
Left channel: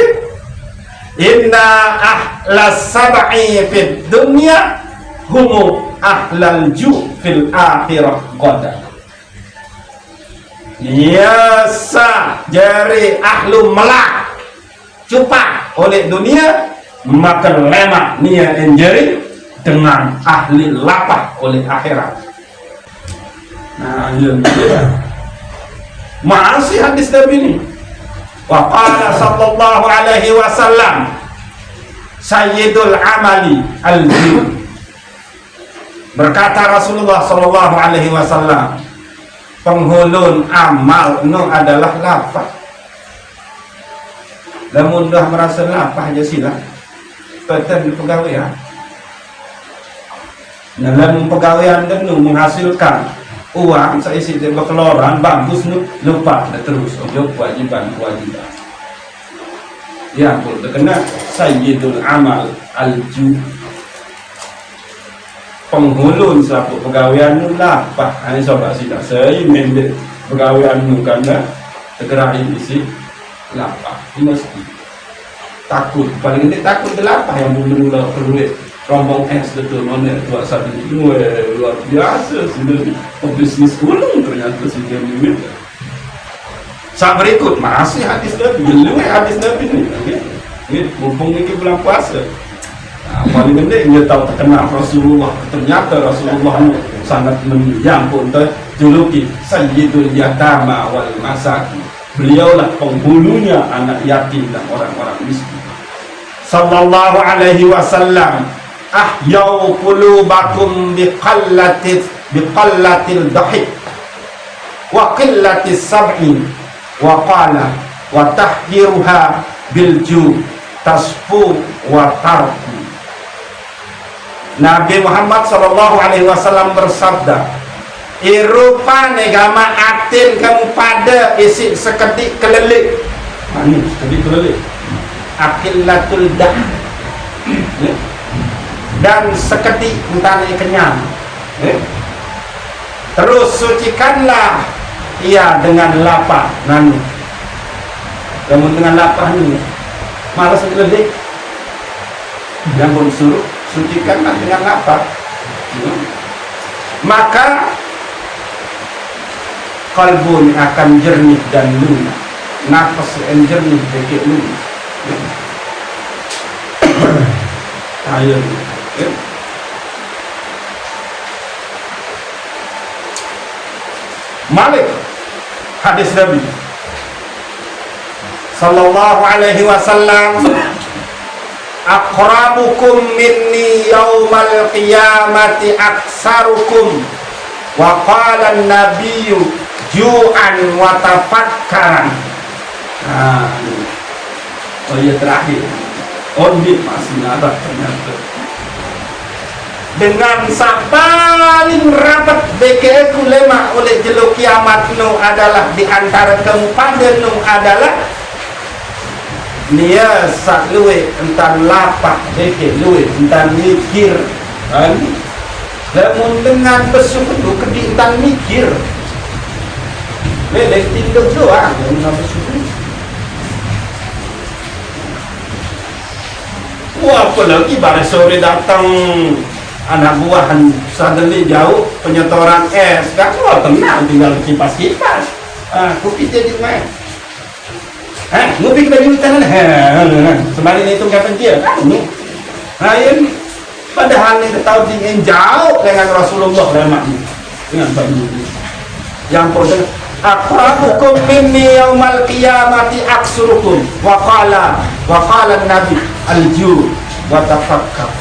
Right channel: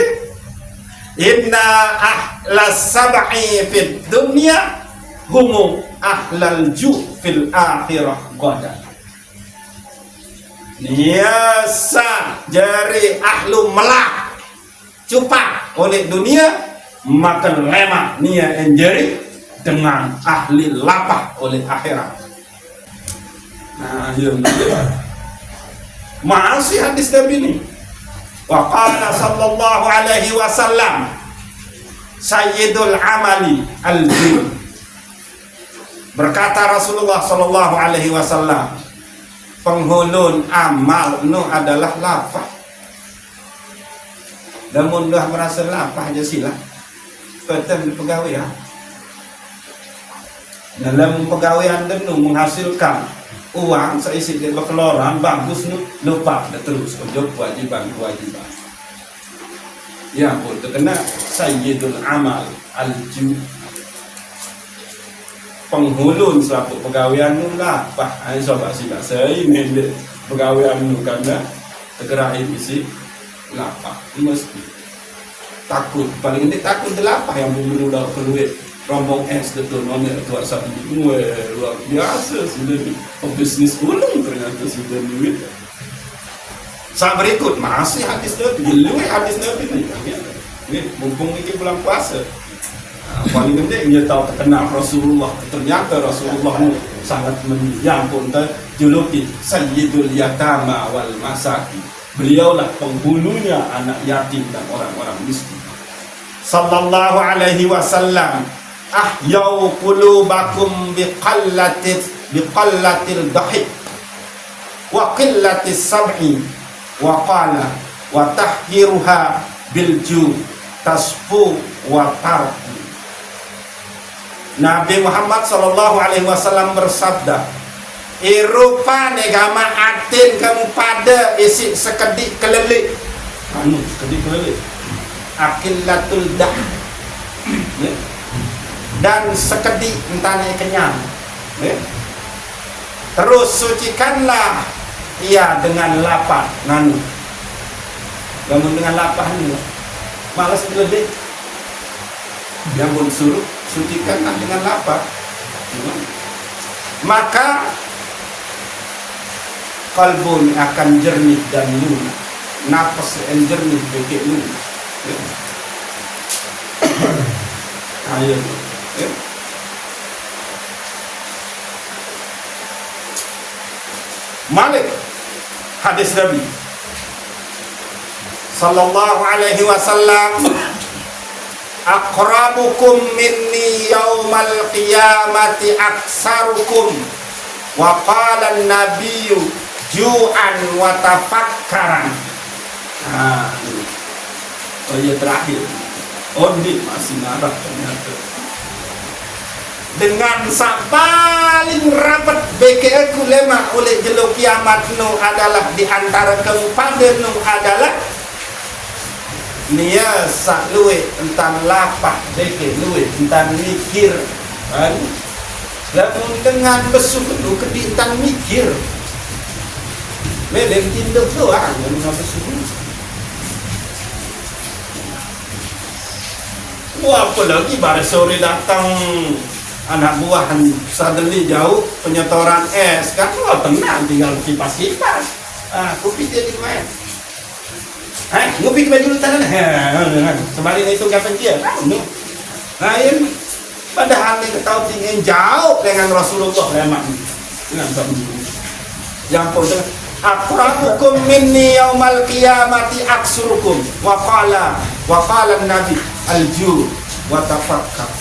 inna ahlas sab'i fid dunya humu ahlal ju fil akhirah qada. Biasa jari ahlu melak cupak oleh dunia maka lemak nia enjari dengan ahli lapah oleh akhirat. Nah ya masih hadis Nabi ini. Wa qala sallallahu alaihi wasallam sayyidul amali al-jud. Berkata Rasulullah sallallahu alaihi wasallam, penghulun amal nu adalah lapah. Lamun dah merasa lapah aja sila peten pegawaian. Dalam pegawaian kan nu menghasilkan uang seisi dari keluaran bagus nu lupa terus untuk kewajiban. Ya pun terkena sayyidul amal al-jud. Penghulun selaku pegawaian nu lapah hanya sobat sila saya mendek pegawaian nu karena tegerahin isi lapah mesti takut paling ini takut lapah yang menurut perlu rombong es betul nonnya tua satu ini luar biasa sebenarnya pebisnis gunung ternyata sebenarnya. Saat berikut masih hadis Nabi, hadis Nabi ini mumpung ini bulan puasa. Paling penting dia tahu terkenal Rasulullah, ternyata Rasulullah sangat yang pun terjuluki Sayyidul Yatama wal Masakin. Beliaulah penghulunya anak yatim dan orang-orang miskin. Sallallahu alaihi wasallam ahyau qulubakum biqallatil dhahik wa qillatis sab'i wa qala wa tahdiruha bilju tasfu wa tarku. Nabi Muhammad sallallahu alaihi wasallam bersabda, irupa negama atin kamu pada isi sekedik kelelik. Ini sekedik kelelik. Akillatul dah. Dan sekedik entah kenyang. Terus sucikanlah ia dengan lapah. Nanu. Kamu dengan lapah ini malas kelelik. Namun suruh sucikanlah dengan lapar. Maka kalbun akan jernih dan lunak, nafas yang jernih sedikit lunak. Ayo. Malik hadis Nabi sallallahu alaihi wasallam, aqrabukum minni yaumal qiyamati aksarukum wa qala an-nabiyyu ju'an wa tafakkaran. Saya terakhir Ondit masih nabat ternyata dengan paling rapat BKE ulema oleh jeluk kiamat nu adalah di antara kamu pada nu adalah dia sak luwe entan lapak BKE luwe entan mikir kan namun dengan besuku kedi entan mikir medek tidur doang entan besuku. Wah, apalagi pada sore datang anak buahan sadeli jauh penyetoran es kan, wah tenang tinggal kipas-kipas. Kopi jadi main. Ngopi baju kanan. Semarin itu nggak penting kan? Lain padahal itu tahu tinggi jauh dengan Rasulullah lemak dengan baju yang pada aqrabukum minni yaumal qiyamati aksurukum wa qala Wa qala Nabi al-ju wa tafakkar.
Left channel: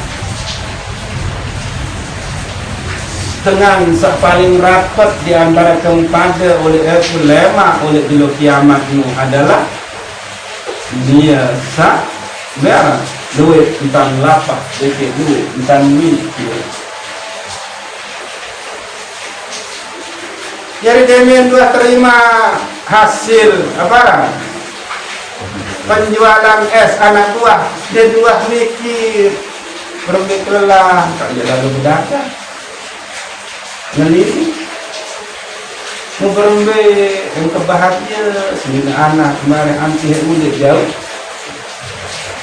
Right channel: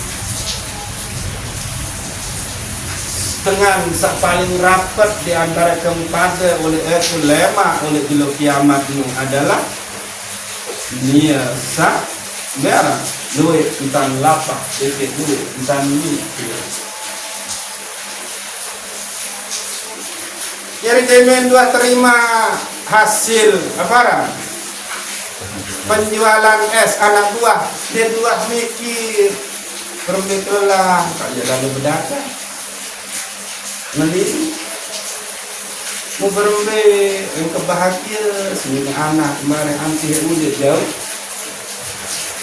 Dengan paling rapat di antara kepada oleh ulama oleh bilo kiamat ini adalah biasa merah duit tentang lapak dikit duit tentang mikir. Jadi jamin telah terima hasil apa penjualan es anak buah dia buah mikir berkelah tak lalu berdagang meliti muberembe yang kebahagia sehingga anak kemarin anti udah jauh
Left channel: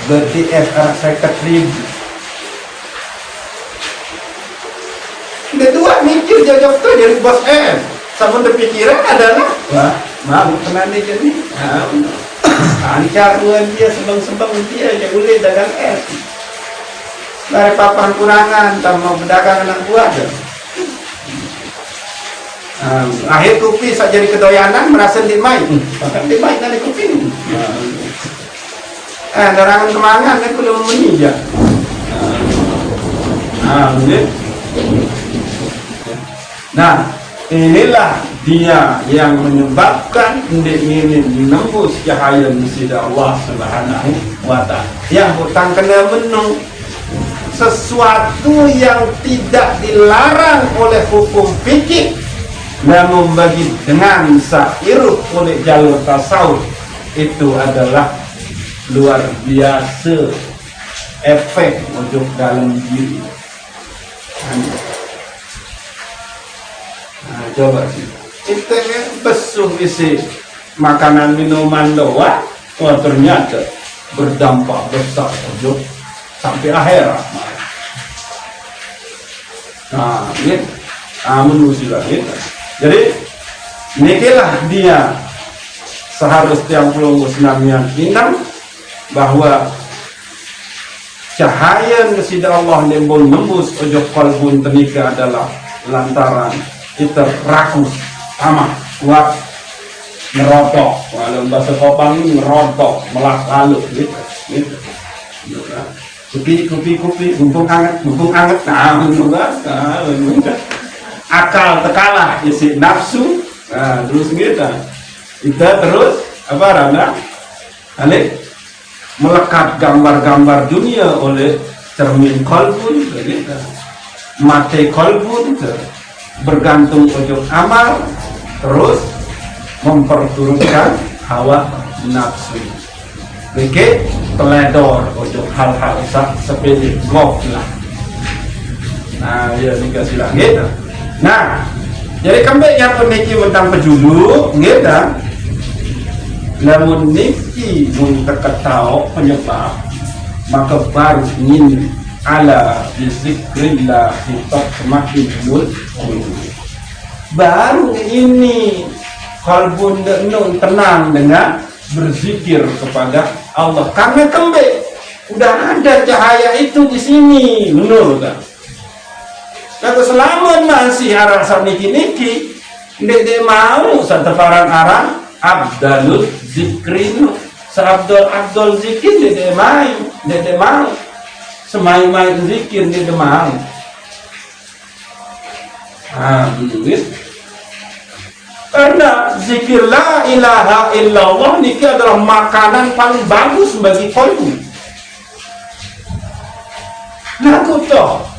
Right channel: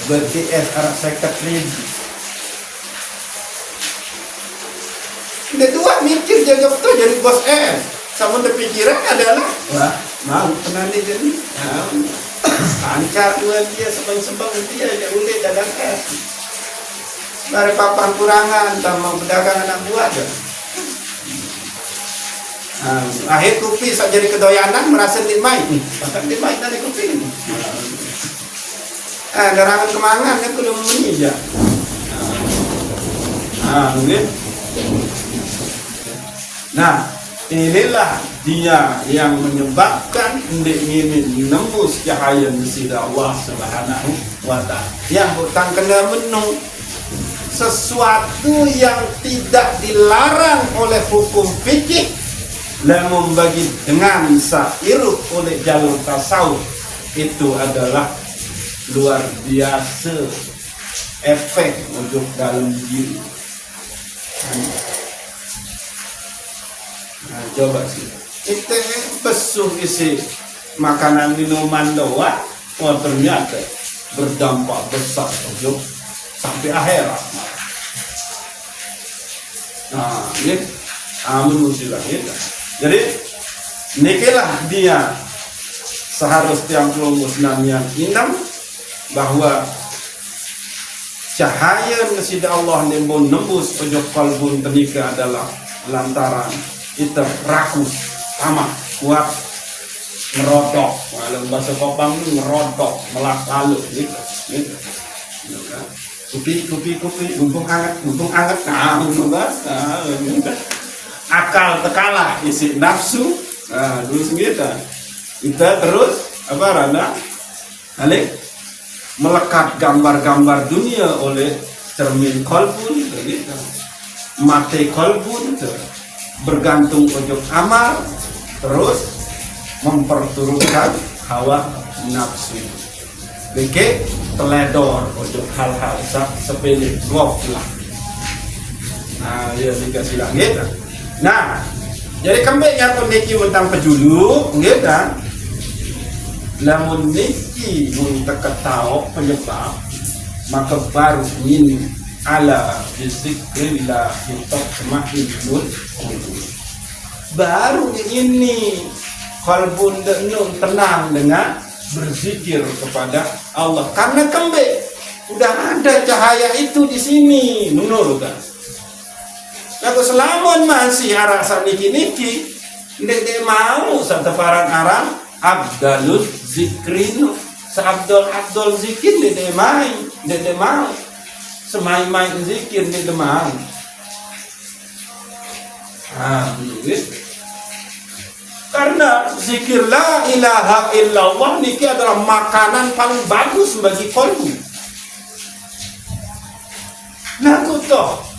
berarti anak saya ribu kedua mikir jaga betul jadi bos sama terpikiran adalah wah malu pernah dikit nih ancar uang dia sebang-sebang dia aja udah dagang dari papan kurangan tambah berdagang anak buah aja. Akhir kopi saat jadi kedoyanan merasa dimai bahkan dimai dari kopi nerangan kemangan kan belum menijak nah inilah dia yang menyebabkan ingin menembus cahaya sida Allah Subhanahu wa ta'ala yang hutang kena menung sesuatu yang tidak dilarang oleh hukum fikih namun bagi dengan sairut oleh jalur tasawuf itu adalah luar biasa efek untuk dalam diri. Nah, coba sih kita besuh isi makanan minuman doang wah ternyata berdampak besar untuk sampai akhirat. Nah ini manusia gitu. Jadi inilah dia seharusnya perlu yang inam bahwa cahaya nesida Allah yang nembus ojok kalbun tenika adalah lantaran kita rakus sama kuat ngerotok dalam bahasa Kopang ini ngerotok melakalu gitu. Kopi mumpung anget nah akal tekalah isi nafsu terus gitu kita terus apa rana alik melekat gambar-gambar dunia oleh cermin kolbun gitu mate kolbun bergantung ujung amal terus memperturutkan hawa nafsu bikin teledor ujung hal-hal sepele ngof lah nah ya dikasih lagi gitu. Nah, jadi kembali yang pemikir tentang pejulu, gitu. Namun niki mentekat tahu penyebab, maka baru ingin ala bizikrillah kita semakin mul. Baru ini kalbun denung tenang dengan berzikir kepada Allah. Karena kembali udah ada cahaya itu di sini, menurut kan? Kata selamun masih arah saniki-niki dia mau seteparan arah abdalul zikrin seabdul zikir dia mau semai-mai zikir dia mau begitu karena zikir la ilaha illallah niki adalah makanan paling bagus bagi kolbu ngaku toh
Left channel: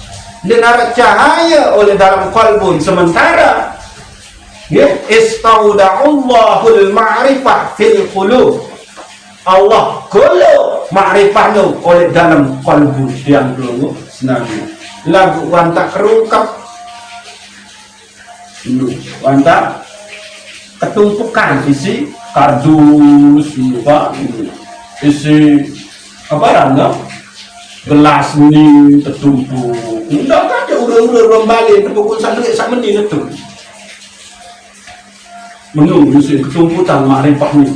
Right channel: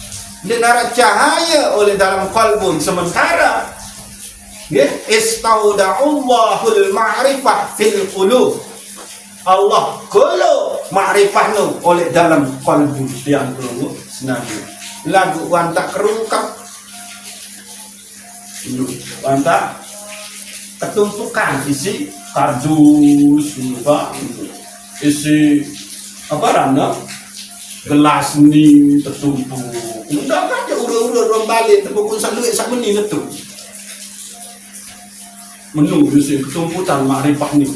dan ada cahaya oleh dalam kalbun sementara istauda'ullahul ma'rifah fil qulub Allah kulu ma'rifah nu oleh dalam kalbun yang belum senabi lagu wantak kerungkap wantak ketumpukan isi kardus isi apa randa gelas ni tertumpuk enggak aja urang-urang balik terpukul satu sak menit itu menunggu si ketumpukan makrifah ni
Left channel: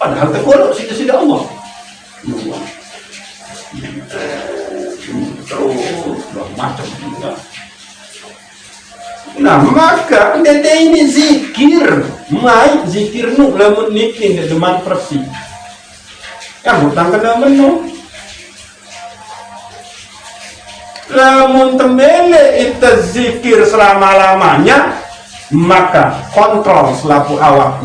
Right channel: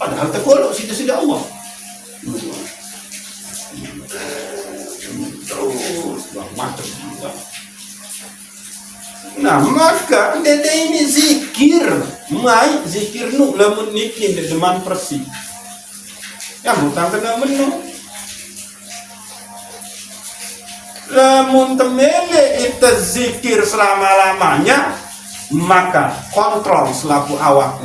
padahal tergolong sida-sida Allah terus macam nah maka dia ini zikir mai zikir nu lamun niki deman persi Kamu tak kena menu. Lamun temele itu zikir selama-lamanya, maka kontrol selaku awak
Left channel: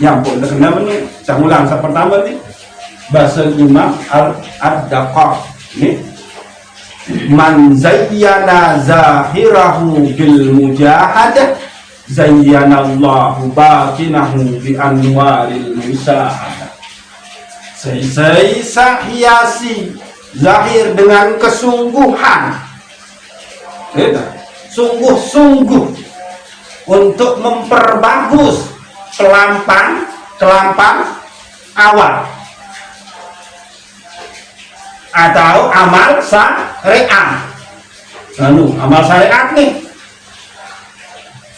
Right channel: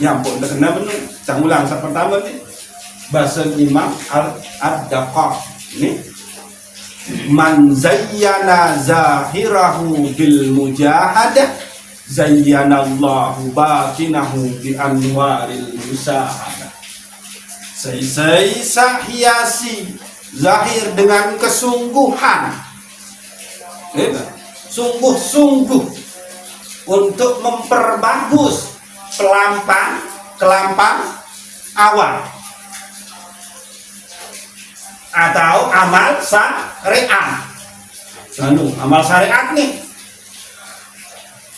nyampun kena menu. Saya ulang pertama nih. Bahasa Imam Ad-Daqaq ini, man zayyana zahirahu bil mujahadah zayyanallahu batinahu bi anwaril musahadah. Saya hiasi zahir dengan kesungguhan, sungguh-sungguh untuk memperbagus kelampang awal atau amal syariat. Amal syariat nih,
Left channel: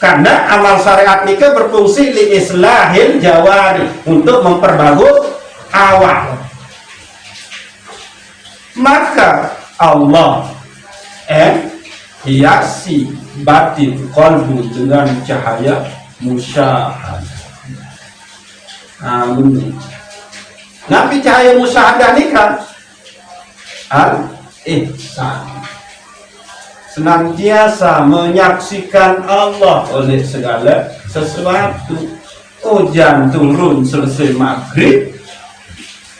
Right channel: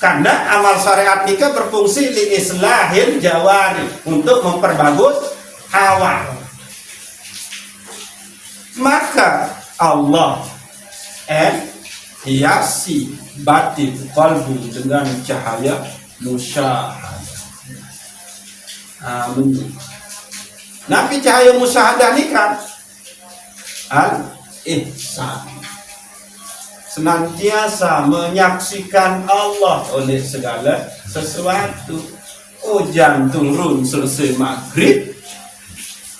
karena amal syariat ini berfungsi li islahil jawari, untuk memperbagus awal. Maka Allah hiasi batin qalbu dengan cahaya musyahadah. Amin. Nabi cahaya musyahadah ini kan al-ihsan, senantiasa menyaksikan Allah oleh segala sesuatu. Hujan turun selesai maghrib,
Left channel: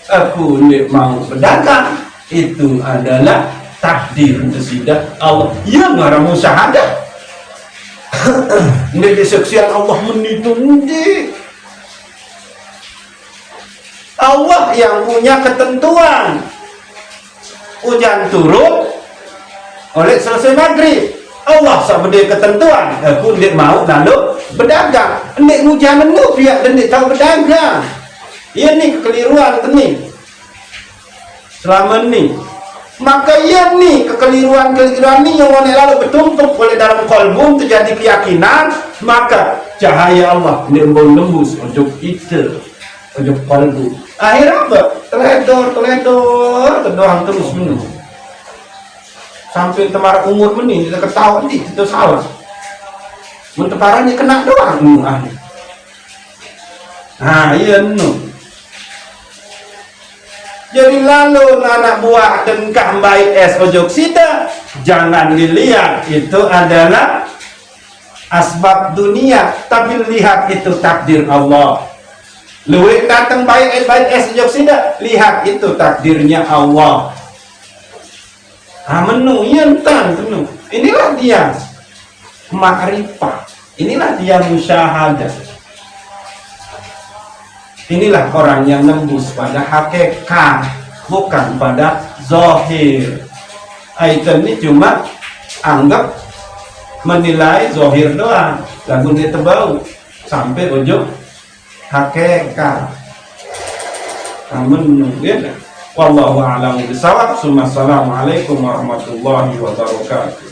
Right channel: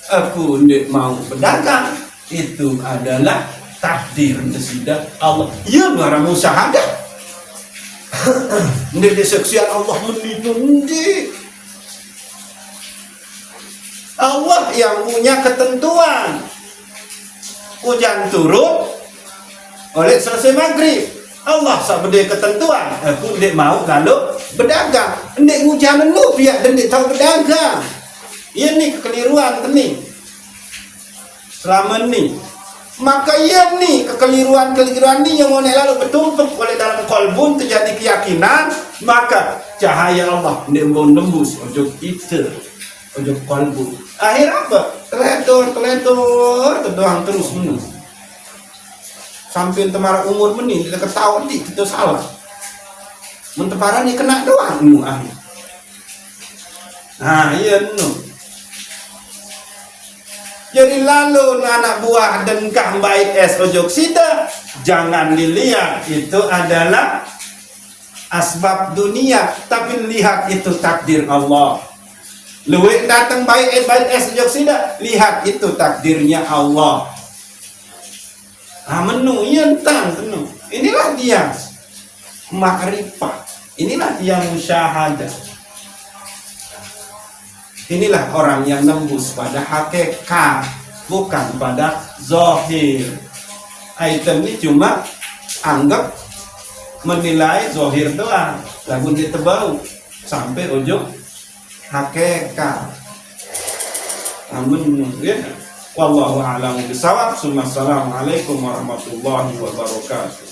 aku tidak mau berdagang, itu adalah takdir sudah Allah. Ya marah musyahadah. Ini disaksikan Allah menipu. Allah yang punya ketentuan. Hujan turun oleh selesai maghrib, Allah sabda ketentuan, aku tidak mau lalu berdagang. Ndik hujan menu biar ndik tahu berdagang. Ini kekeliruan ini selama ini. Maka ya nih kekeliruan ini yang oleh lalu bertumpuk oleh dalam kolbu terjadi keyakinan, maka cahaya Allah nembus untuk itu, untuk kolbu. Akhirnya apa? Terdoang terus menu sampai temar umur meni kita ketawa di itu salah. Menteparannya kena doang akhir. Nah iya nu. Jadi lalu anak buah dan kah baik es ojok sida, jangan dilihat itu adalah asbab dunia, tapi lihat itu takdir Allah. Luwih datang baik es ojok sida, lihat itu takdirnya Allah. Menu yentan menu. Inilah dia ma'rifah. Inilah dia musyahadah. Inilah orang yang nembus pada hakikat, bukan pada zahir. Itu ini cuma anggap menilai zahir doang, lagu dia tebau sampai ujung hakikat. Menu ya. Wallahu a'lam bishawab. Assalamualaikum warahmatullahi wabarakatuh.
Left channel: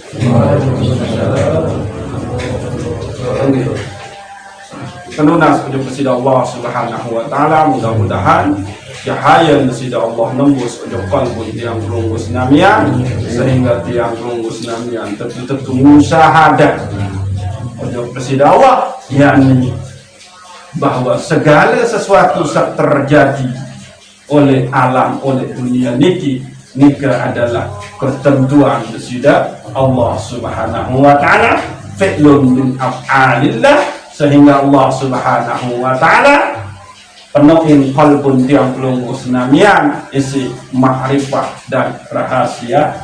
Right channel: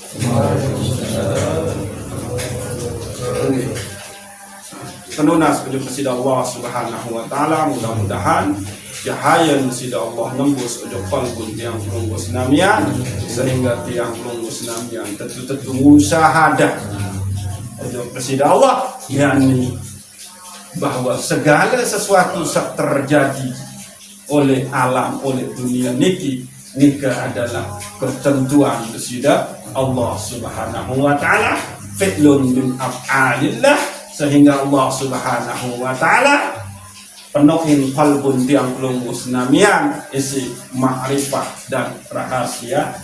Penunas ujung kepada Allah Subhanahu wa taala, mudah-mudahan cahaya kepada Allah nembus ujung qalbu tiang pelunggus namian, sehingga tiang pelunggus namian tentu musyahadah ujung kepada Allah, yakni bahwa segala sesuatu terjadi oleh alam, oleh dunia niki adalah ketentuan sudah Allah Subhanahu wa taala, fi'lun min af'alillah, sehingga Allah Subhanahu wa taala penuhin qalbun tiang pelungkus namian isi ma'rifah dan rahasia